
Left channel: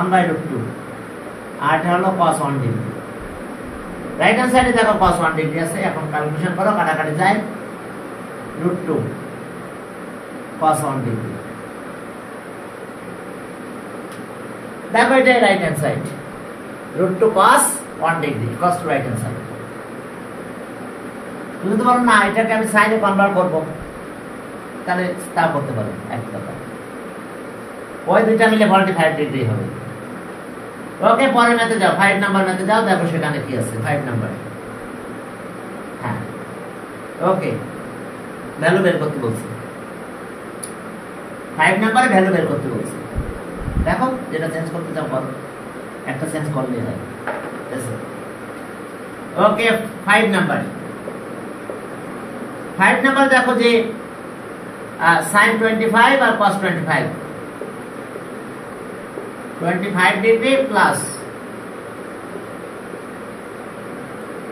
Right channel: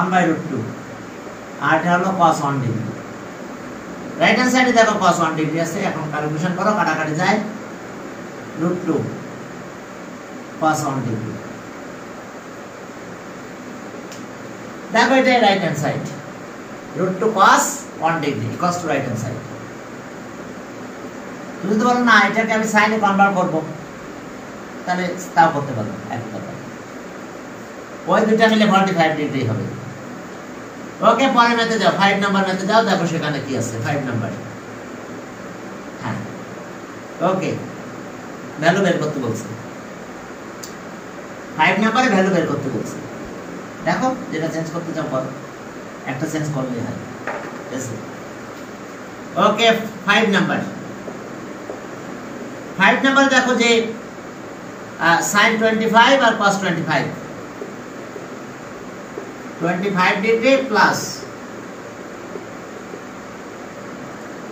1/√2 আর এটা হলো cos 1 ডিগ্রি রাইট হ্যান্ড সাইডে দেখো cos 1 ডিগ্রি আছে এখন ক্যালকুলেশন করো কাটাকাটি যায় √2 cos 1 ডিগ্রি দেখো এটা right hand side √2 cos 1 degree cos to right hand side তুমি তো বলো না এটাকে আমি সাইনে কনভার্ট করব তাহলে তা করতে পারো এক কথা ওই দুইটা মিলে 45 ডিগ্রি হবে ওকে পরের ম্যাথে যাও 5 নাম্বার ম্যাথে যাও দেখো সেখানে কি আছে 5 নাম্বার হ্যাঁ ওকে ভ্যালু বের করতে বলছে 5 নাম্বারে ভ্যালু বের করতে বলছে দেখো যেটা চেঞ্জ করতে চাও করো একটা চেঞ্জ করলেই হয় ওকে 5 নাম্বার দেখো যে sin 25 আর cos 25 25 ডিগ্রি প্লাস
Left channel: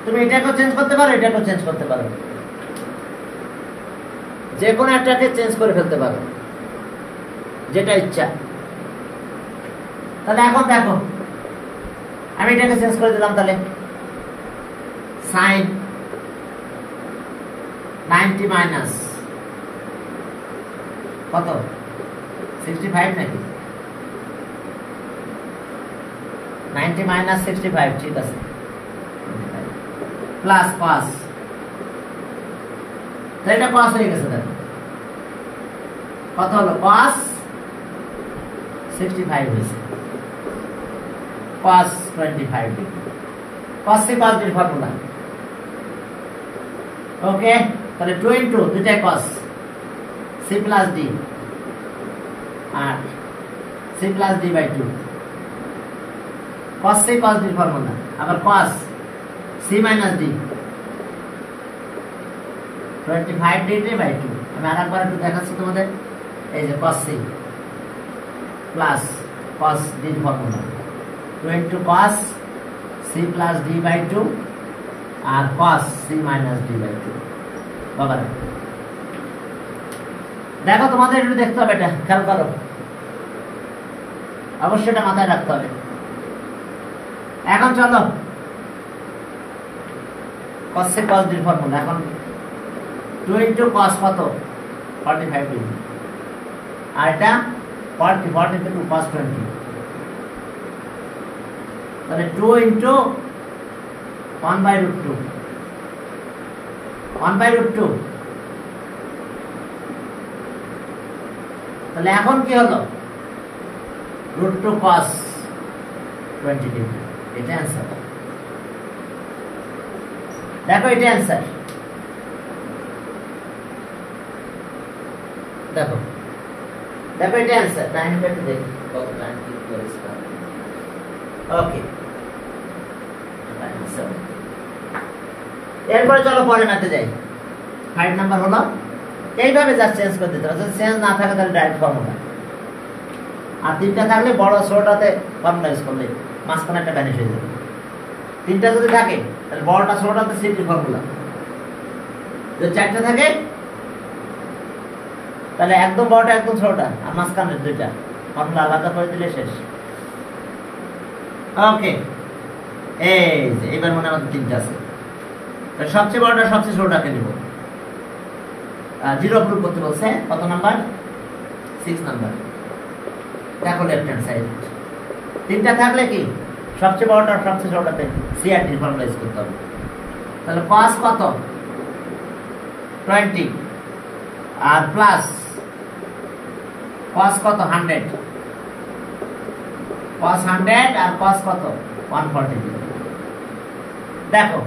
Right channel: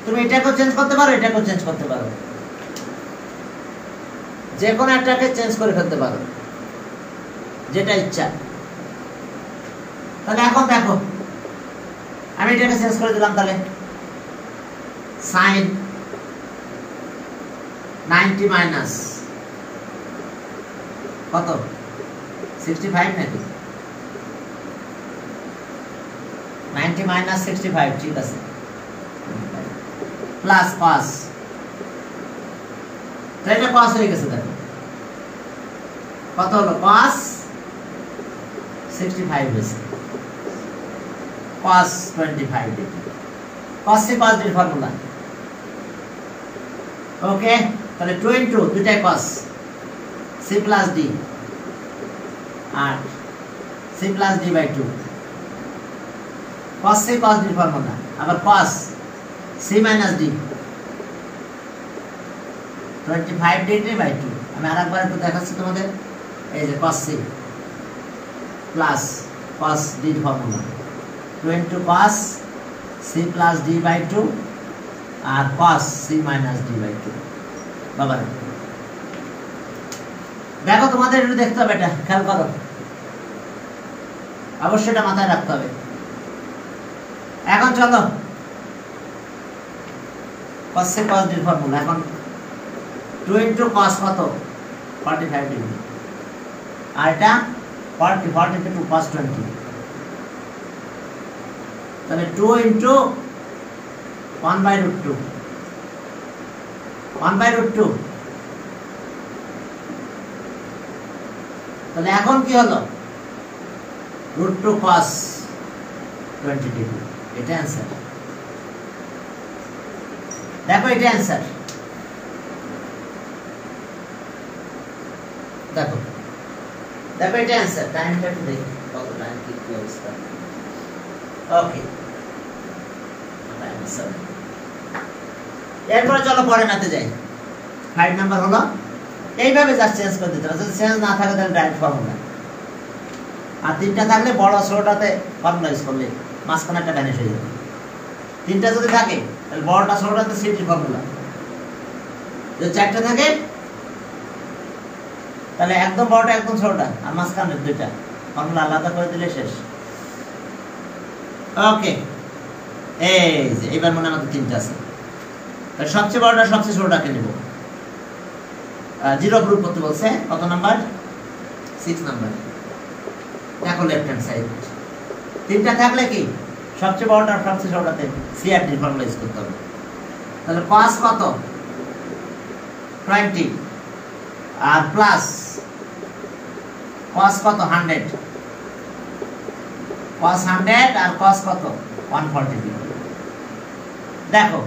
তুমি এটাকেও চেঞ্জ করতে পারো এটাকেও চেঞ্জ করতে পারো যে কোনো একটাকে চেঞ্জ করে ফেলতে পারো, যেটা ইচ্ছা। তাহলে এখন দেখো, আমি এটাকে চেঞ্জ করে দিলাম। তাহলে সাইন 90 মাইনাস কত 65 নাকি 90 মাইনাস 65, ঠিক আছে, প্লাস কস। তো এটা কস হয়ে গেছে। দেখো কত হলো, কস 65 হয়েছে, cos 25 degree. cos C cos ডির ফর্মুলা। ওকে, তাহলে 2 ইনটু দুইটাই cos c প্লাস d আর c plus d by 2 cos C cos ডির ফর্মুলা। আবার cos c minus d 25 degree by 2। আমি আরেকবার একটু দেখাচ্ছি তোমাদের। এই যে cos c plus cos d এর formula 2 into cos c plus d by 2 আর cos c minus d by 2। বাবা দেখো, তোমাদের একটু দেখতে হবে, এটা খেয়াল করো, অবশ্যই এটা মাথায় রাখতে হবে। এখন চলো cos c cos d এর ফর্মুলা। এখন 2 into cos কত 45 ডিগ্রি আর এটা 40 into cos 20। তাহলে 2 into 1 by root 2 1 by root 2। তাহলে এখন কি হলো, root 2 cos 20 ডিগ্রি। এটা অ্যান্সার। দেখো এটা অ্যান্সার। দেখো দেখো এটা অ্যান্সার। টাইমটা একটু দেখি কত টাইম কি হয়েছে। ওকে, এরপরে চলো পরে নাতে যাই। 5 নাম্বার হলো এইভাবে জাস্ট চেঞ্জ করে দিতে হবে। যদি চেঞ্জ না থাকে তাহলে ডাইরেক্ট ফর্মুলা, আর তিনটা থাকলে বড় ছোটটাতে ফর্মুলা ইউজ করলে মাঝখানে একটা ভ্যানিশ হয়ে যাবে। তিনটা যদি থাকে তাহলে বড়টা ছোটটাতে সিটি ফর্মুলা। যদি চারটা থাকে তাহলে একদম বড়টা একদম ছোটটা আর মাঝখানে দুইটা ফর্মুলা আলাদা করে দিলে শেষ। ওকে, এই যে এবার মনে আমাদের তিনটা আছে। তাহলে সবচেয়ে বড়টা সবচেয়ে ছোটটাকে নেব। জিরো প্রুফ করতে বলছে। কত নাম্বার? 6 নাম্বার। দেখো লেফট হ্যান্ড সাইড তিনটা থাকলে কি সবচেয়ে বড়টা সবচেয়ে ছোটটাতে সিআরটি ফর্মুলা ইউজ করতে হবে। তাহলে cos কত 20 আর প্লাস cos কত 100, cos 100 আর cos কত 140 ডিগ্রি। দেখো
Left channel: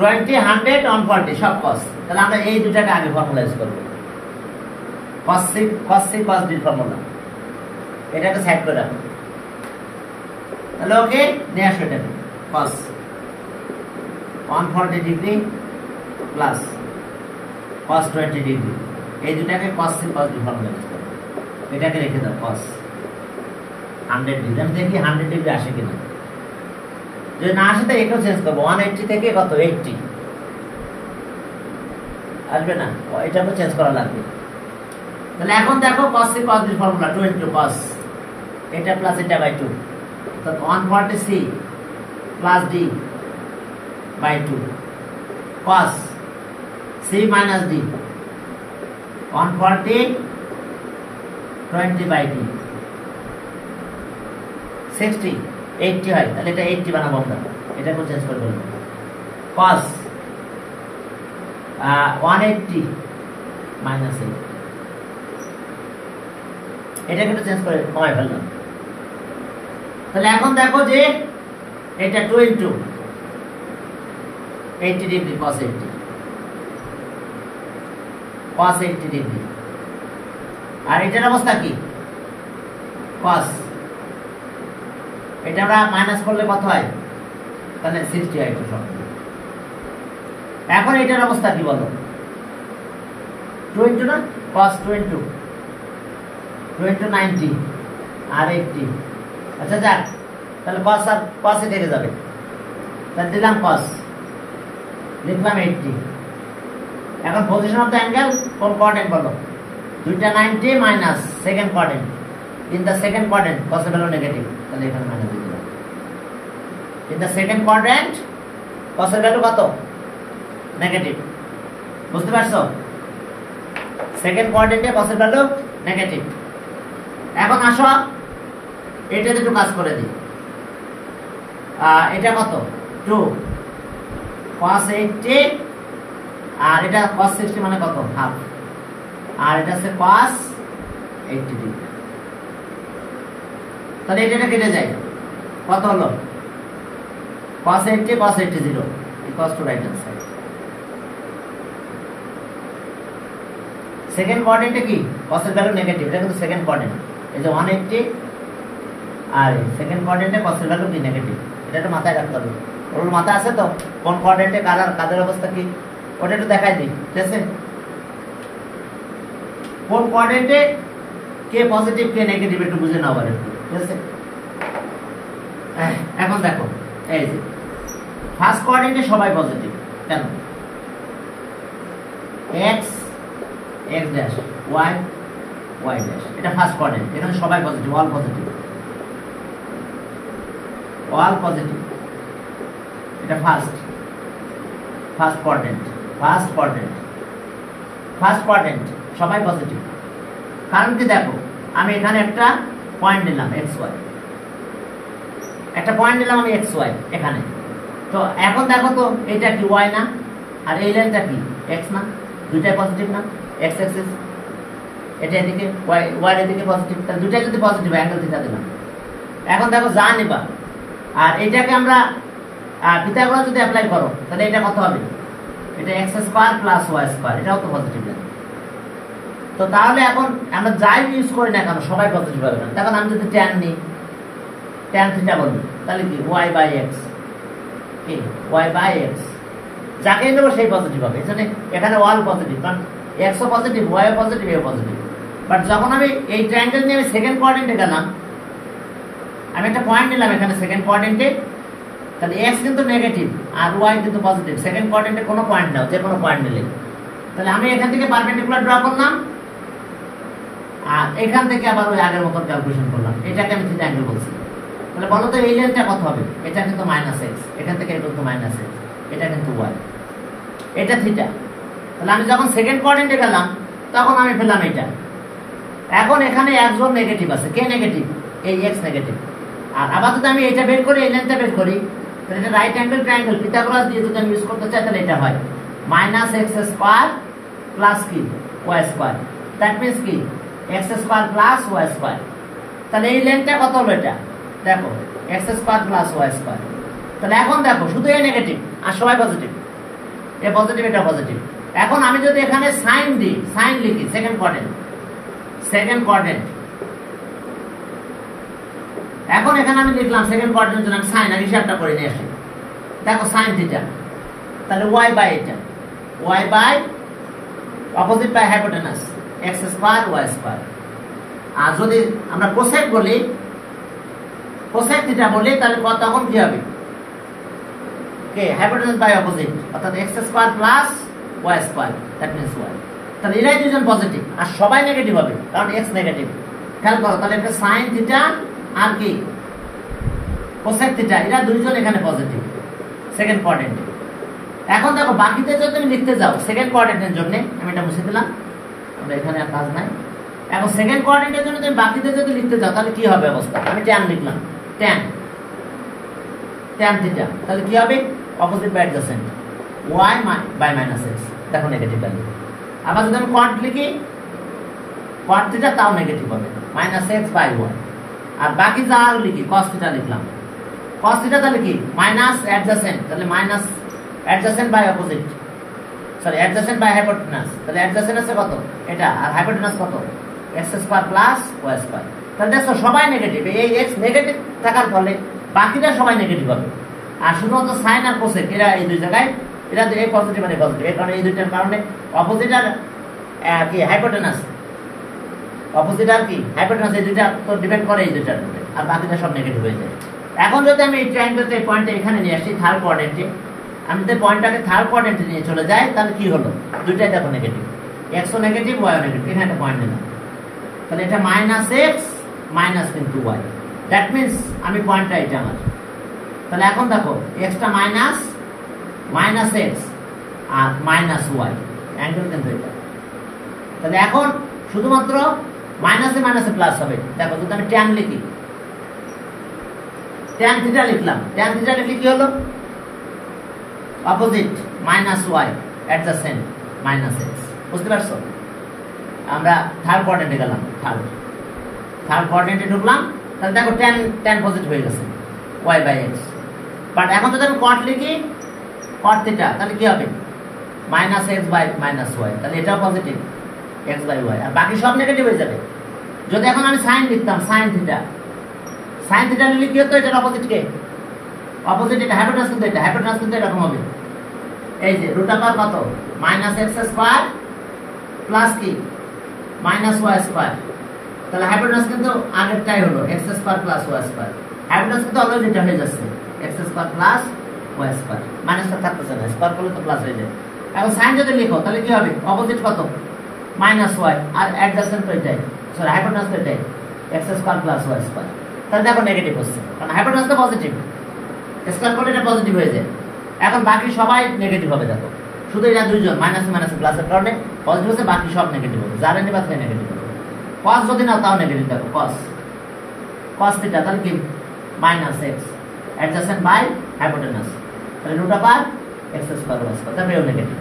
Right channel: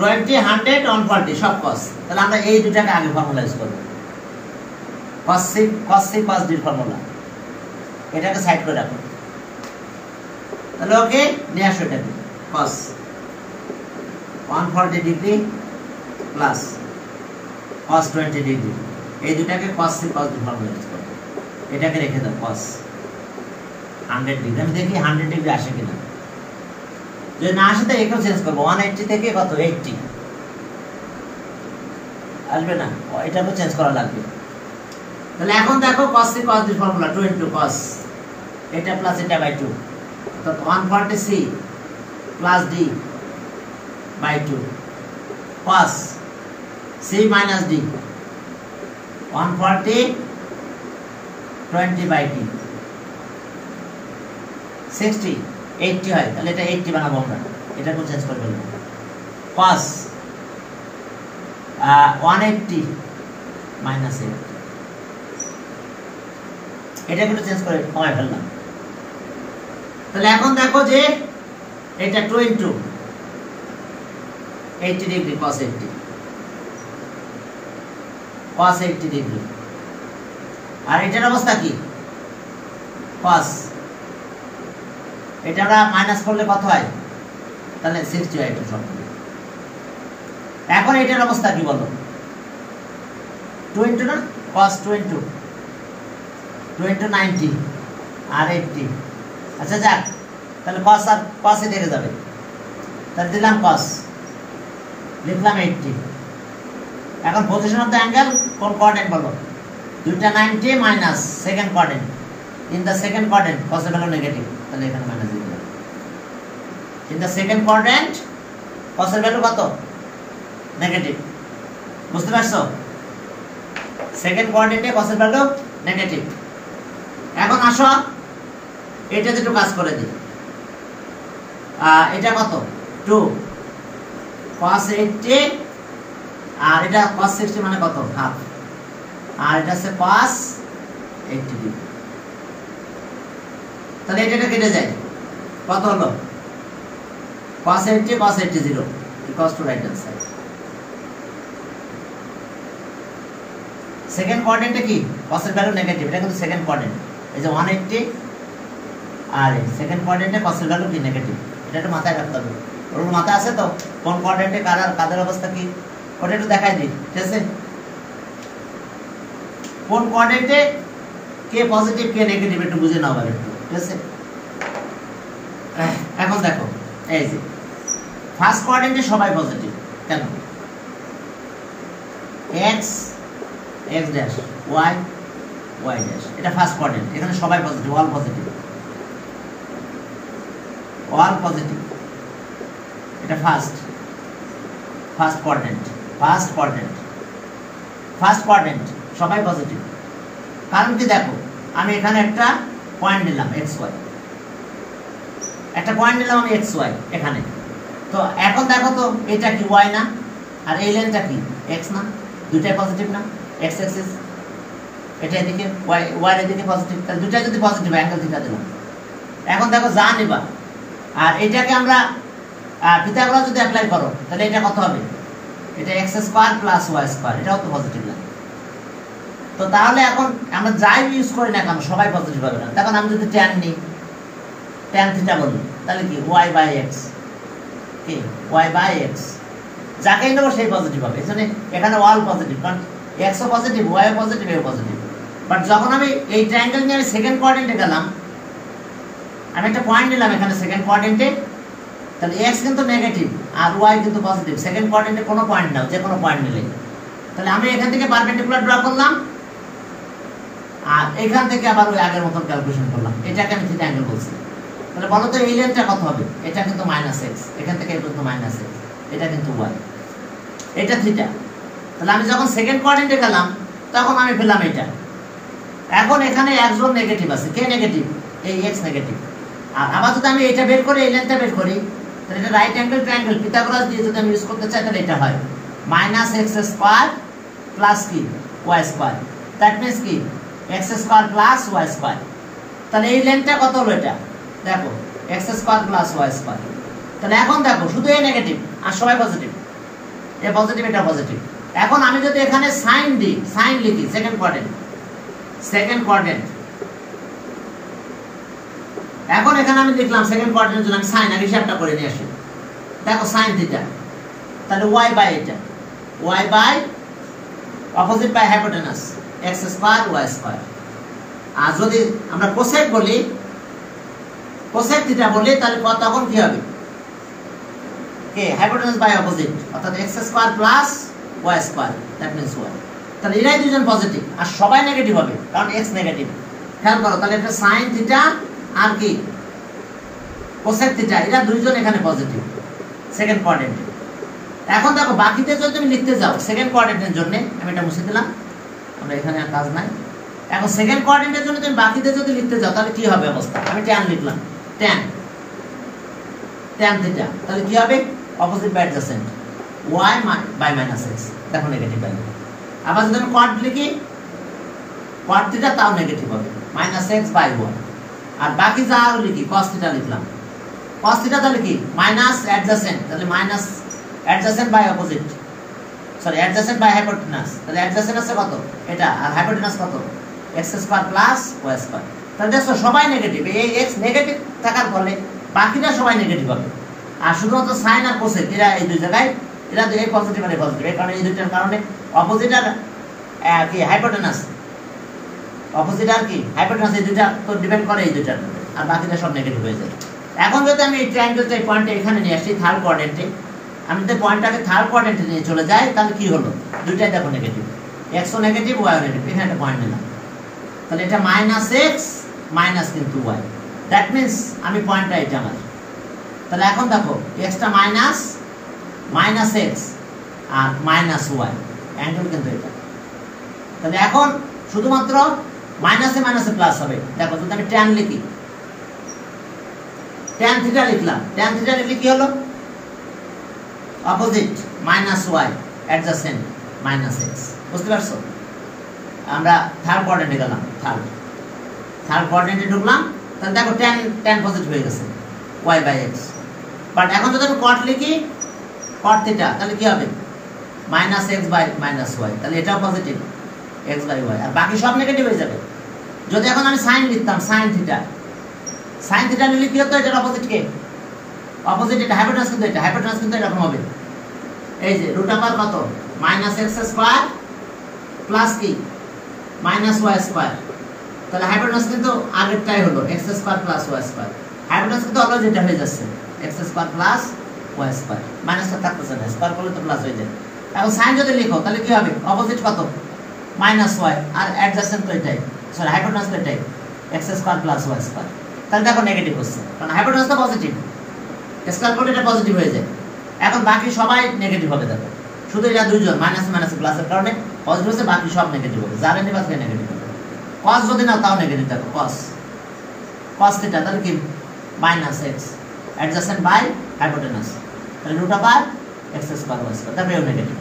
20 100 140 সব cos। তাহলে আমরা এই দুটাকে আগে ফর্মুলা ইউজ করব। cos c cos d formula, এটাকে সাইড করে রাখো। তাহলে ওকে নিয়ে আসো এটাকে। cos 140 degree plus cos 20 degree, এই দুটাকে cos c cos d formula use করব। এটাকে রেখে দাও cos 100 ডিগ্রি। আমি দেখি 100 ডিগ্রি আসে কিনা। যদি না আসে তো এটাও চেঞ্জ করবো। 180 থেকে কত 80 আসবে না, এটাকে চেঞ্জ করা লাগবে। তাহলে এখন দেখো cos c cos d formula 2 into cos এটা প্লাস এটা বাই 2, অর্থাৎ 140c plus d by 2 cos c minus d 140 20 by d 60 80 হয়। তাহলে এটা 80 বানাবো আমরা। এটাকে চেঞ্জ করে ফেলবো। cos 180 মাইনাস 8, এটাকে চেঞ্জ করে কমাই ফেললাম। তাহলে এখন দেখো যে এটা 2 into 80 ডিগ্রি cos 80 ডিগ্রি। আর এটার অবস্থা কি cos, এটা আমরা মাইনাস করলে কত হয়? তাহলে 60 হয় এটা সব। এখন এটার অবস্থা কি বলো? 2 into না cos 2 into 90 আর 80। আচ্ছা যাক, তাহলে cos আর cos এ থেকে যাবে। তাহলে দিলাম cos, লিখলাম 80 এখন পজিশন অফ দ্য অ্যাঙ্গেল কোন কোয়াড্রেন্ট বলো? দুইটা 90 minus second quadrant, in the second quadrant cos এর ভ্যালু নেগেটিভ, তাহলে এখানে মাইনাস দিয়ে দিলাম। In the second quadrant cos এর ভ্যালু কত? নেগেটিভ। বুঝতে পারছো? সেকেন্ড কোয়াড্রেন্টে cos এর ভ্যালু নেগেটিভ। এখন আসো এটাতে একটু কাজ করে দিই। এটা কত? 2 cos 80 আর এটা cos 60 মানে কত? হাফ। আর এটা আছে cos 80 ডিগ্রি। তাহলে এটা কেটে যায়, কত হলো? cos 80 cos 80 0 equals to right answer. Second কোয়াড্রেন্টে কি cos এর ভ্যালু নেগেটিভ, এটা কিন্তু সেকেন্ড কোয়াড্রেন্ট। এই যে 180 আর সেকেন্ড কোয়াড্রেন্টে cos এর ভ্যালু কি নেগেটিভ, এটা একটু মাথায় রাখতে হবে। ওর মাথা আছে তো কোন কোয়াড্রেন্টে কাদের অবস্থা কি, ওটা একটু দেখাই দিই, ঠিক আছে? কোন কোয়াড্রেন্টে কে পজিটিভ কে নেগেটিভ একটু বুঝে নাও আবার একটু, ঠিক আছে? এখন দেখো এই যে ফার্স্ট কোয়াড্রেন্টে সবাই পজিটিভ, কেন? x x dash y y dash, এটা ফার্স্ট কোয়াড্রেন্ট, এখানে সবাই positive, all positive, all positive. এটা ফার্স্ট কোয়াড্রেন্ট, ফার্স্ট কোয়াড্রেন্ট সবাই পজিটিভ। কারণ কি দেখো, আমি এখানে একটা পয়েন্ট নিলাম xy, একটা পয়েন্ট নিলাম আমি xy এখানে। তো এখন দেখো তো এটা কি y না, আর এই লাইনটা কি x না, দুইটাই পজিটিভ না? x অ্যাক্সিস এটা এদিকে, y এর এদিকে পজিটিভ, তাহলে দুইটা যদি পজিটিভ অ্যাঙ্গেল থিটা দিলাম। এখন দেখো যা নিবা, আর এটাকে আমরা পিথাগোরাস যদি অ্যাপ্লাই করো তাহলে এটা কত হবে? এটা x square plus y square, এটাও তো পজিটিভ লাইন। তো তাহলে এখন আমরা যাই ইউজ করি না কেন সবাই পজিটিভ হবে না। তখন আমি যদি tan নিই, tan থিটা বলি, তাহলে কি y বাই x, কি y বাই x, যাকেই নেবো সেই পজিটিভ হবে। এখানে অল পজিটিভ, কারণ x ও পজিটিভ, y ও পজিটিভ, এও পজিটিভ। বাট যখন আমি এই ট্রায়াঙ্গেল নিয়ে আমি সেকেন্ড কোয়াড্রেন্টে গেলাম, আমি একটা পয়েন্ট নিলাম এখানে সেকেন্ড কোয়াড্রেন্টে, তাহলে x কিন্তু নেগেটিভ আর y কিন্তু পজিটিভ। সেকেন্ড কোয়াড্রেন্টে কোনো পয়েন্ট নাও, যে কোনো পয়েন্ট নিলে, তাহলে আমি এখান থেকে পারপেন্ডিকুলার ড্র করলাম, আর এখান থেকে আবার ওই আগের মতন ক্যালকুলেশন করলাম, এটাকে আমি থিটা অ্যাঙ্গেল বলছি। তাহলে বলো তো এই লেন্থটা কত হবে? এটা কিন্তু -x, এখান থেকে এটা কিন্তু -x, এটা কিন্তু y, এটা থিটা। তাহলে আমি যখন সেকেন্ড কোয়াড্রেন্টে গেলাম তখন আমি পেলাম এটা। এখন এখানে একজন নেগেটিভ আছে, কে নেগেটিভ? এই x নেগেটিভ। আর আবার যদি আমি এটা বের করি, এই লেন্থটা বের করি, তাহলে এটা রাইট অ্যাঙ্গেল ট্রায়াঙ্গেল পিথাগোরাস দিয়ে যদি আমি ইউজ করতে চাই, তাহলে এটা হয় -x স্কয়ার প্লাস কি y স্কয়ার, দ্যাট মিন্স কি x square plus y square. তাহলে এই লেন্থটা কত হলো? এটা দেখো x square plus y square. তাহলে এখন দেখো শুধু এই নেগেটিভ আর সবাই পজিটিভ, এ পজিটিভ এটা পজিটিভ। এখন আমি যদি এখানে সাইন দিই, সাইন লিখি সেকেন্ড কোয়াড্রেন্ট, এখন এখানে আমি লিখলাম সেকেন্ড কোয়াড্রেন্টের জন্য আমি সাইন আর হিসাবটা করে নিয়ে আসি। দেখো সাইন থিটা, তাহলে y বাই এটা, y by opposite by hypotenuse x square y square. আর যদি আমরা কোসেক বলি, কোসেক থিটা বলি, তাহলে তখন কি হবে? কে হাইপোটেনাস বাই অপোজিট, অর্থাৎ x square plus y square, that means y। তাহলে এরাই দুজন পজিটিভ আর সবাই নেগেটিভ হবে, কারণ x নেগেটিভ। খেয়াল করো, তাহলে এটা সাইন থিটা আর কি কোসেক থিটা, এরা দুইজন এখানে পজিটিভ সেকেন্ড কোয়াড্রেন্টে। এখন দেখো বাকিতে যদি তুমি লিখতে যাও সেকেন্ড কোয়াড্রেন্টের জন্য, আমি এটা মুছে দিলাম, আমরা এখানে আর কাজ নাই। এখন সেকেন্ড কোয়াড্রেন্টের জন্য তুমি বাকিতে যদি লিখতে যাও তাহলে কি হবে অবস্থা? আমি tan লিখলাম, tan থিটা, তাহলে কি হবে? অপোজিট বাই অ্যাডজেসেন্ট y বাই -x, দেখো নেগেটিভ ভ্যালু। আবার যদি আমি কোয়াড লিখি, কোয়াড থিটা, তাও নেগেটিভ হবে, -x বাই y। আর বাকি যা লিখি cos থিটা লিখলাম, cos থিটা তাহলে কি মাইনাস অ্যাডজেসেন্ট, তাহলে minus adjacent by opposite, sorry adjacent by hypotenuse. তাহলে অ্যাডজেসেন্ট আছে কত? এটা, আর হাইপোটেনাস কত? x square plus y square. তাহলে দেখো সবাই নেগেটিভ, এই x নেগেটিভ থাকার ফলে বাকিটা সবাই নেগেটিভ হবে। আর শুধুমাত্র সাইন আর কোসেক এরা এই দুই জায়গায়, এরা এই পজিটিভ আর এই পজিটিভ, এই কারণে এই দুইটার কারণে অপোজিট আর কি হাইপোটেনাস, অপোজিট আর কি হাইপোটেনাস, এই দুইটা তো ডিপেন্ড করে এই দুইটার উপরে, আর বাকিটা সব নেগেটিভ হয়ে যায়। এখন যদি আমি এই ট্রায়াঙ্গেলটা এই পয়েন্টে এখানে নিয়ে আসি থার্ড কোয়াড্রেন্টে, আমি যদি পয়েন্টটাকে থার্ড কোয়াড্রেন্টে নিয়ে চলে যাই তাহলে কি হলো দুইটাই দেখো নেগেটিভ x ও নেগেটিভ y ও নেগেটিভ এখানে একটা পয়েন্ট নিলাম তাহলে এটা -x মাইনাস কিন্তু y দ্যাট মিন্স আমি পয়েন্টটা এটা আমার তাহলে এখন দেখো x টা -x আর -y অ্যাঙ্গেল কিন্তু এটা তাহলে এখন শুধুমাত্র মাইনাসে মাইনাসে প্লাস হবে দেখো যদি আমি tan লিখি tan থিটা লিখলাম tan থিটা লিখলে কি হলো অপোজিট -y অ্যাডজাসেন্ট -x বুঝতে পারছো আমরা থার্ড কোয়াড্রেন্টে গেলাম থার্ড কোয়াড্রেন্টে ঢুকলাম তাহলে দেখো tan পজিটিভ হয়ে গেছে y/x বাট এখন যদি আমি cot লিখি cot থিটা তাহলে কি হবে -x/-y তাহলে এটাও পজিটিভ x/y আর বাকি সব নেগেটিভ হয়ে যাবে যদি এখন আমি sin লিখতাম sin থিটা নিলে কি হতো এটার অপোজিট কে অপোজিট এটা হাইপোটেনাস কিন্তু এরকম হবে এই যে রুট আকার কত -x² প্লাস কি -y² তাহলে হাইপোটেনাস কিন্তু আগেরটাই হলো x² + y² হাইপোটেনাস কিন্তু অলওয়েজ এটা হয়ে যাচ্ছে x² + y² মাইনাসটা থাকতেছে না স্কয়ার করলে তো প্লাস হয়ে যায় এখন sin যদি লিখো তাহলে কি হবে অপোজিট কত -y আর অ্যাডজাসেন্ট তো এটাই সরি হাইপোটেনাস তো এটাই x² + y² তাহলে দেখো নেগেটিভ হচ্ছে কারণ হাইপোটেনাস তো পজিটিভ স্কয়ার করলে এটা পজিটিভ হয়ে যায় এখন বাকি সবাই নেগেটিভ হবে দেখো শুধু এরা দুইজন মাইনাস প্লাসের কারণে পজিটিভ হচ্ছে বাকি সব নেগেটিভ হবে যারা নেবা তারা নেগেটিভ হবে cos যদি নাও তাও নেগেটিভ দেখো cos থিটা তাহলে কি -x অ্যাডজাসেন্ট বাই হাইপোটেনাস তাহলে রুট আপার x² y² তাহলে এও নেগেটিভ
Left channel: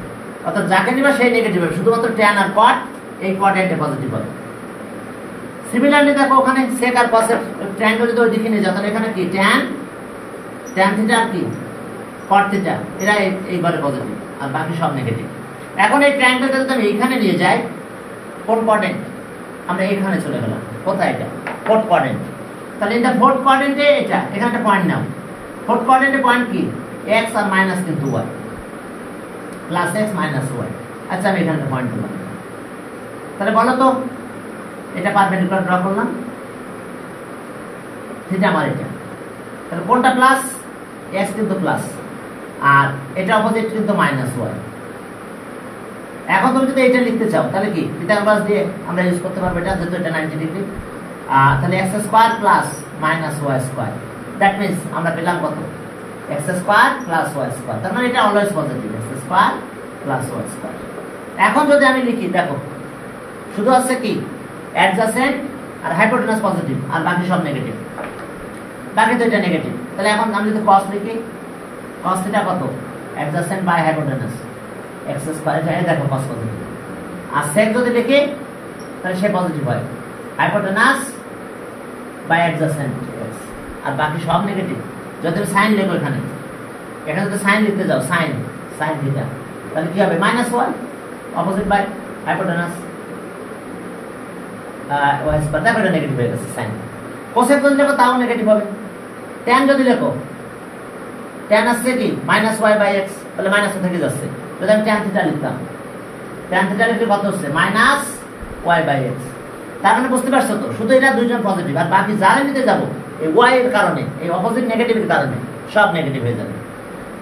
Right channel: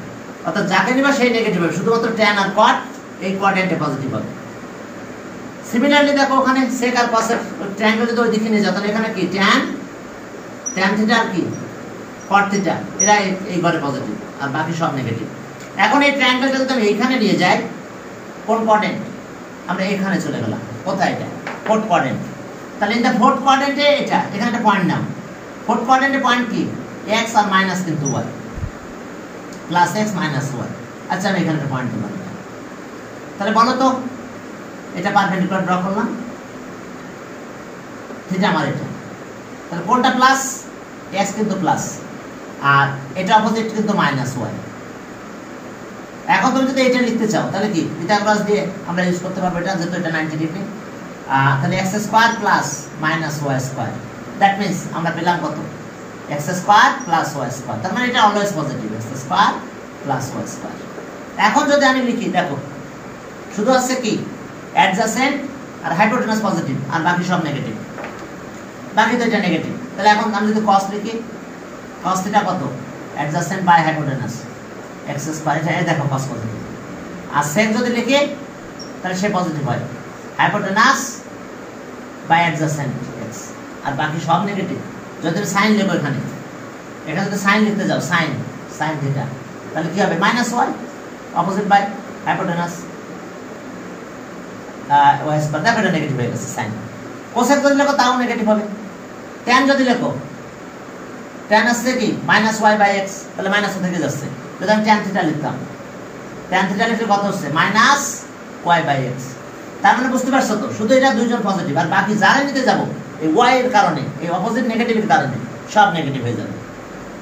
অর্থাৎ যাকে নিবা সেই নেগেটিভ হবে শুধুমাত্র tan আর cot এই কোয়াড্রেন্টে পজিটিভ হবে সিমিলারলি দেখো ওখানে sec আর cos এর ট্রায়াঙ্গেল যদি ওই দিকে নিয়ে যাও তাহলে এখানে কি tan থিটা আর কি cot থিটা এরা এই ঘরে পজিটিভ আর বাকি সব নেগেটিভ এখন এই ট্রায়াঙ্গেলটা যদি আমি এইখানে নিয়ে যাই কোন কোয়াড্রেন্ট আমরা এখানে চলে গেলাম কোথায় এটা ফোর্থ কোয়াড্রেন্ট তাহলে এই ফোর্থ কোয়াড্রেন্টে এটা এখানে একটা পয়েন্ট নাও ফোর্থ কোয়াড্রেন্টে পয়েন্ট কি x আর মাইনাস কিন্তু y +x -y আচ্ছা আমি এখানে একটা পয়েন্ট দিলাম তাহলে বলো তো এটা পারপেন্ডিকুলার ড্র করলাম থিটা আমার এটা তাহলে কোনটা প্লাস x কিন্তু প্লাস আর এটা অপোজিট কিন্তু -y এখন তুমি যদি এটা লিখতে চাও তাহলে কি পিথাগোরাস দিয়ে আমরা ইউজ করতে পারবো এটা যেহেতু এটা 90 ডিগ্রি তাহলে x² + y² দ্যাট মিন্স আমরা পেলাম কত x² + y² তার মানে এটা অলওয়েজ পজিটিভ x² + y²। এখন যদি আমি লিখি দেখো শুধু আছে কি অ্যাডজাসেন্ট আর হাইপোটেনাস পজিটিভ আর বাকি সব নেগেটিভ বাকি তো এটা নেগেটিভ তাহলে এখন আমি যদি cos লিখি cos থিটা কত অ্যাডজাসেন্ট বাই হাইপোটেনাস x² এটা দেখো cos পজিটিভ আর sec যদি লিখি তাহলে সে পজিটিভ হয় হাইপোটেনাস বাই অ্যাডজাসেন্ট x আর বাকি সব নেগেটিভ যদি sin লিখো এখানে যদি sin লিখতে যাও sin থিটা তাহলে কি হবে -y opposite by hypotenuse y² দেখো এটা নেগেটিভ হয়ে গেছে sin cosec যদি লেখো তাও নেগেটিভ হবে tan যদি লেখো tan আসছে কি -y/x তাহলে মাইনাস থেকে যাচ্ছে যদি আমি tan থিটা লিখতাম tan থিটা লিখলে কত হচ্ছে -y/x তার মানে বুঝতে পারছো তো শুধু এটা দুইজন পজিটিভ আর বাকি যারা নিতে যাব এই y এর কারণে এই অপোজিট নেগেটিভের কারণে সব নেগেটিভ হয়ে যাবে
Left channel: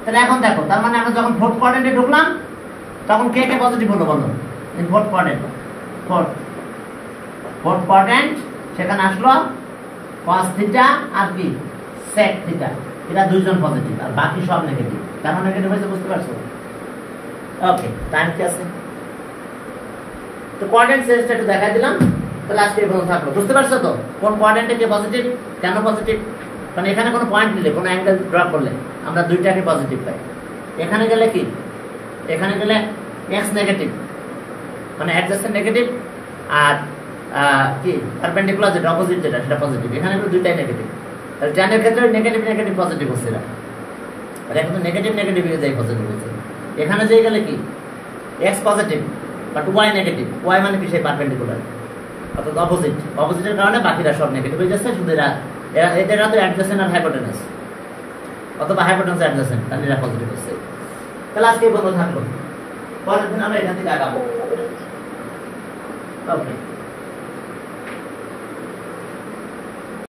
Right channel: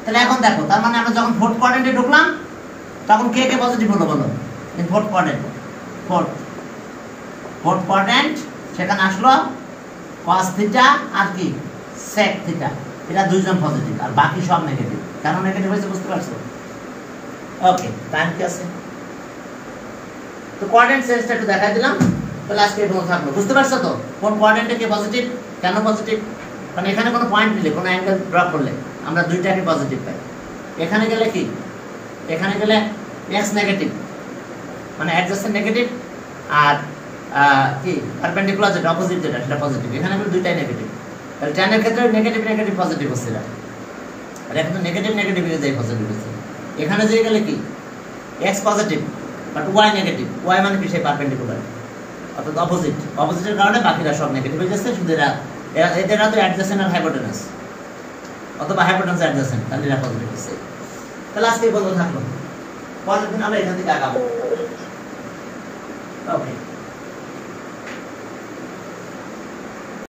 তাহলে এখন দেখো তার মানে আমরা যখন ফোর্থ কোয়াড্রেন্টে ঢুকলাম তখন কে কে পজিটিভ হলো বলো in fourth quadrant fourth quadrant সেখানে আসলো cos থিটা আর কি sec থিটা এরা দুইজন পজিটিভ আর বাকি সব নেগেটিভ কেন নেগেটিভ হয়েছে বুঝতে পারছো ওকে টাইম কি আছে তো কোয়াড্রেন্ট সেন্সটা একটু দেখাই দিলাম তাহলে আজকে এই পর্যন্ত থাকলো বুঝতে পারছো তো কোন কোয়াড্রেন্টে কে পজিটিভ কেন পজিটিভ মানে এখানে কোনো পয়েন্ট নিলে কোনো অ্যাঙ্গেল ড্র করলে আমরা দুইটাকে পজিটিভ পাই এখানে গেলে কি এখানে গেলে x নেগেটিভ মানে অ্যাডজাসেন্ট নেগেটিভ আর কি পারপেন্ডিকুলার যেটা অপোজিট যেটা সেটা পজিটিভ এখানে আমরা দুইটাই নেগেটিভ তাহলে tan এর ক্ষেত্রে নেগেটিভ পজিটিভ হচ্ছে না আর এখন নেগেটিভ হয়ে যায় পজিটিভ হচ্ছে এখানে যে গেলে কি x positive but y negative y মানে কি সেই পারপেন্ডিকুলার অর্থাৎ অপোজিটের কারণে বাকিরা সব নেগেটিভ হয়ে যাচ্ছে শুধু এদের তো অ্যাডজাসেন্ট আর হাইপোটেনাস অথবা হাইপোটেনাস অ্যাডজাসেন্ট তাহলে এরা পজিটিভ হচ্ছে তাহলে আজকে এই পর্যন্ত থাকলো পরের দিন আমরা এখান থেকে আগাবো ওকে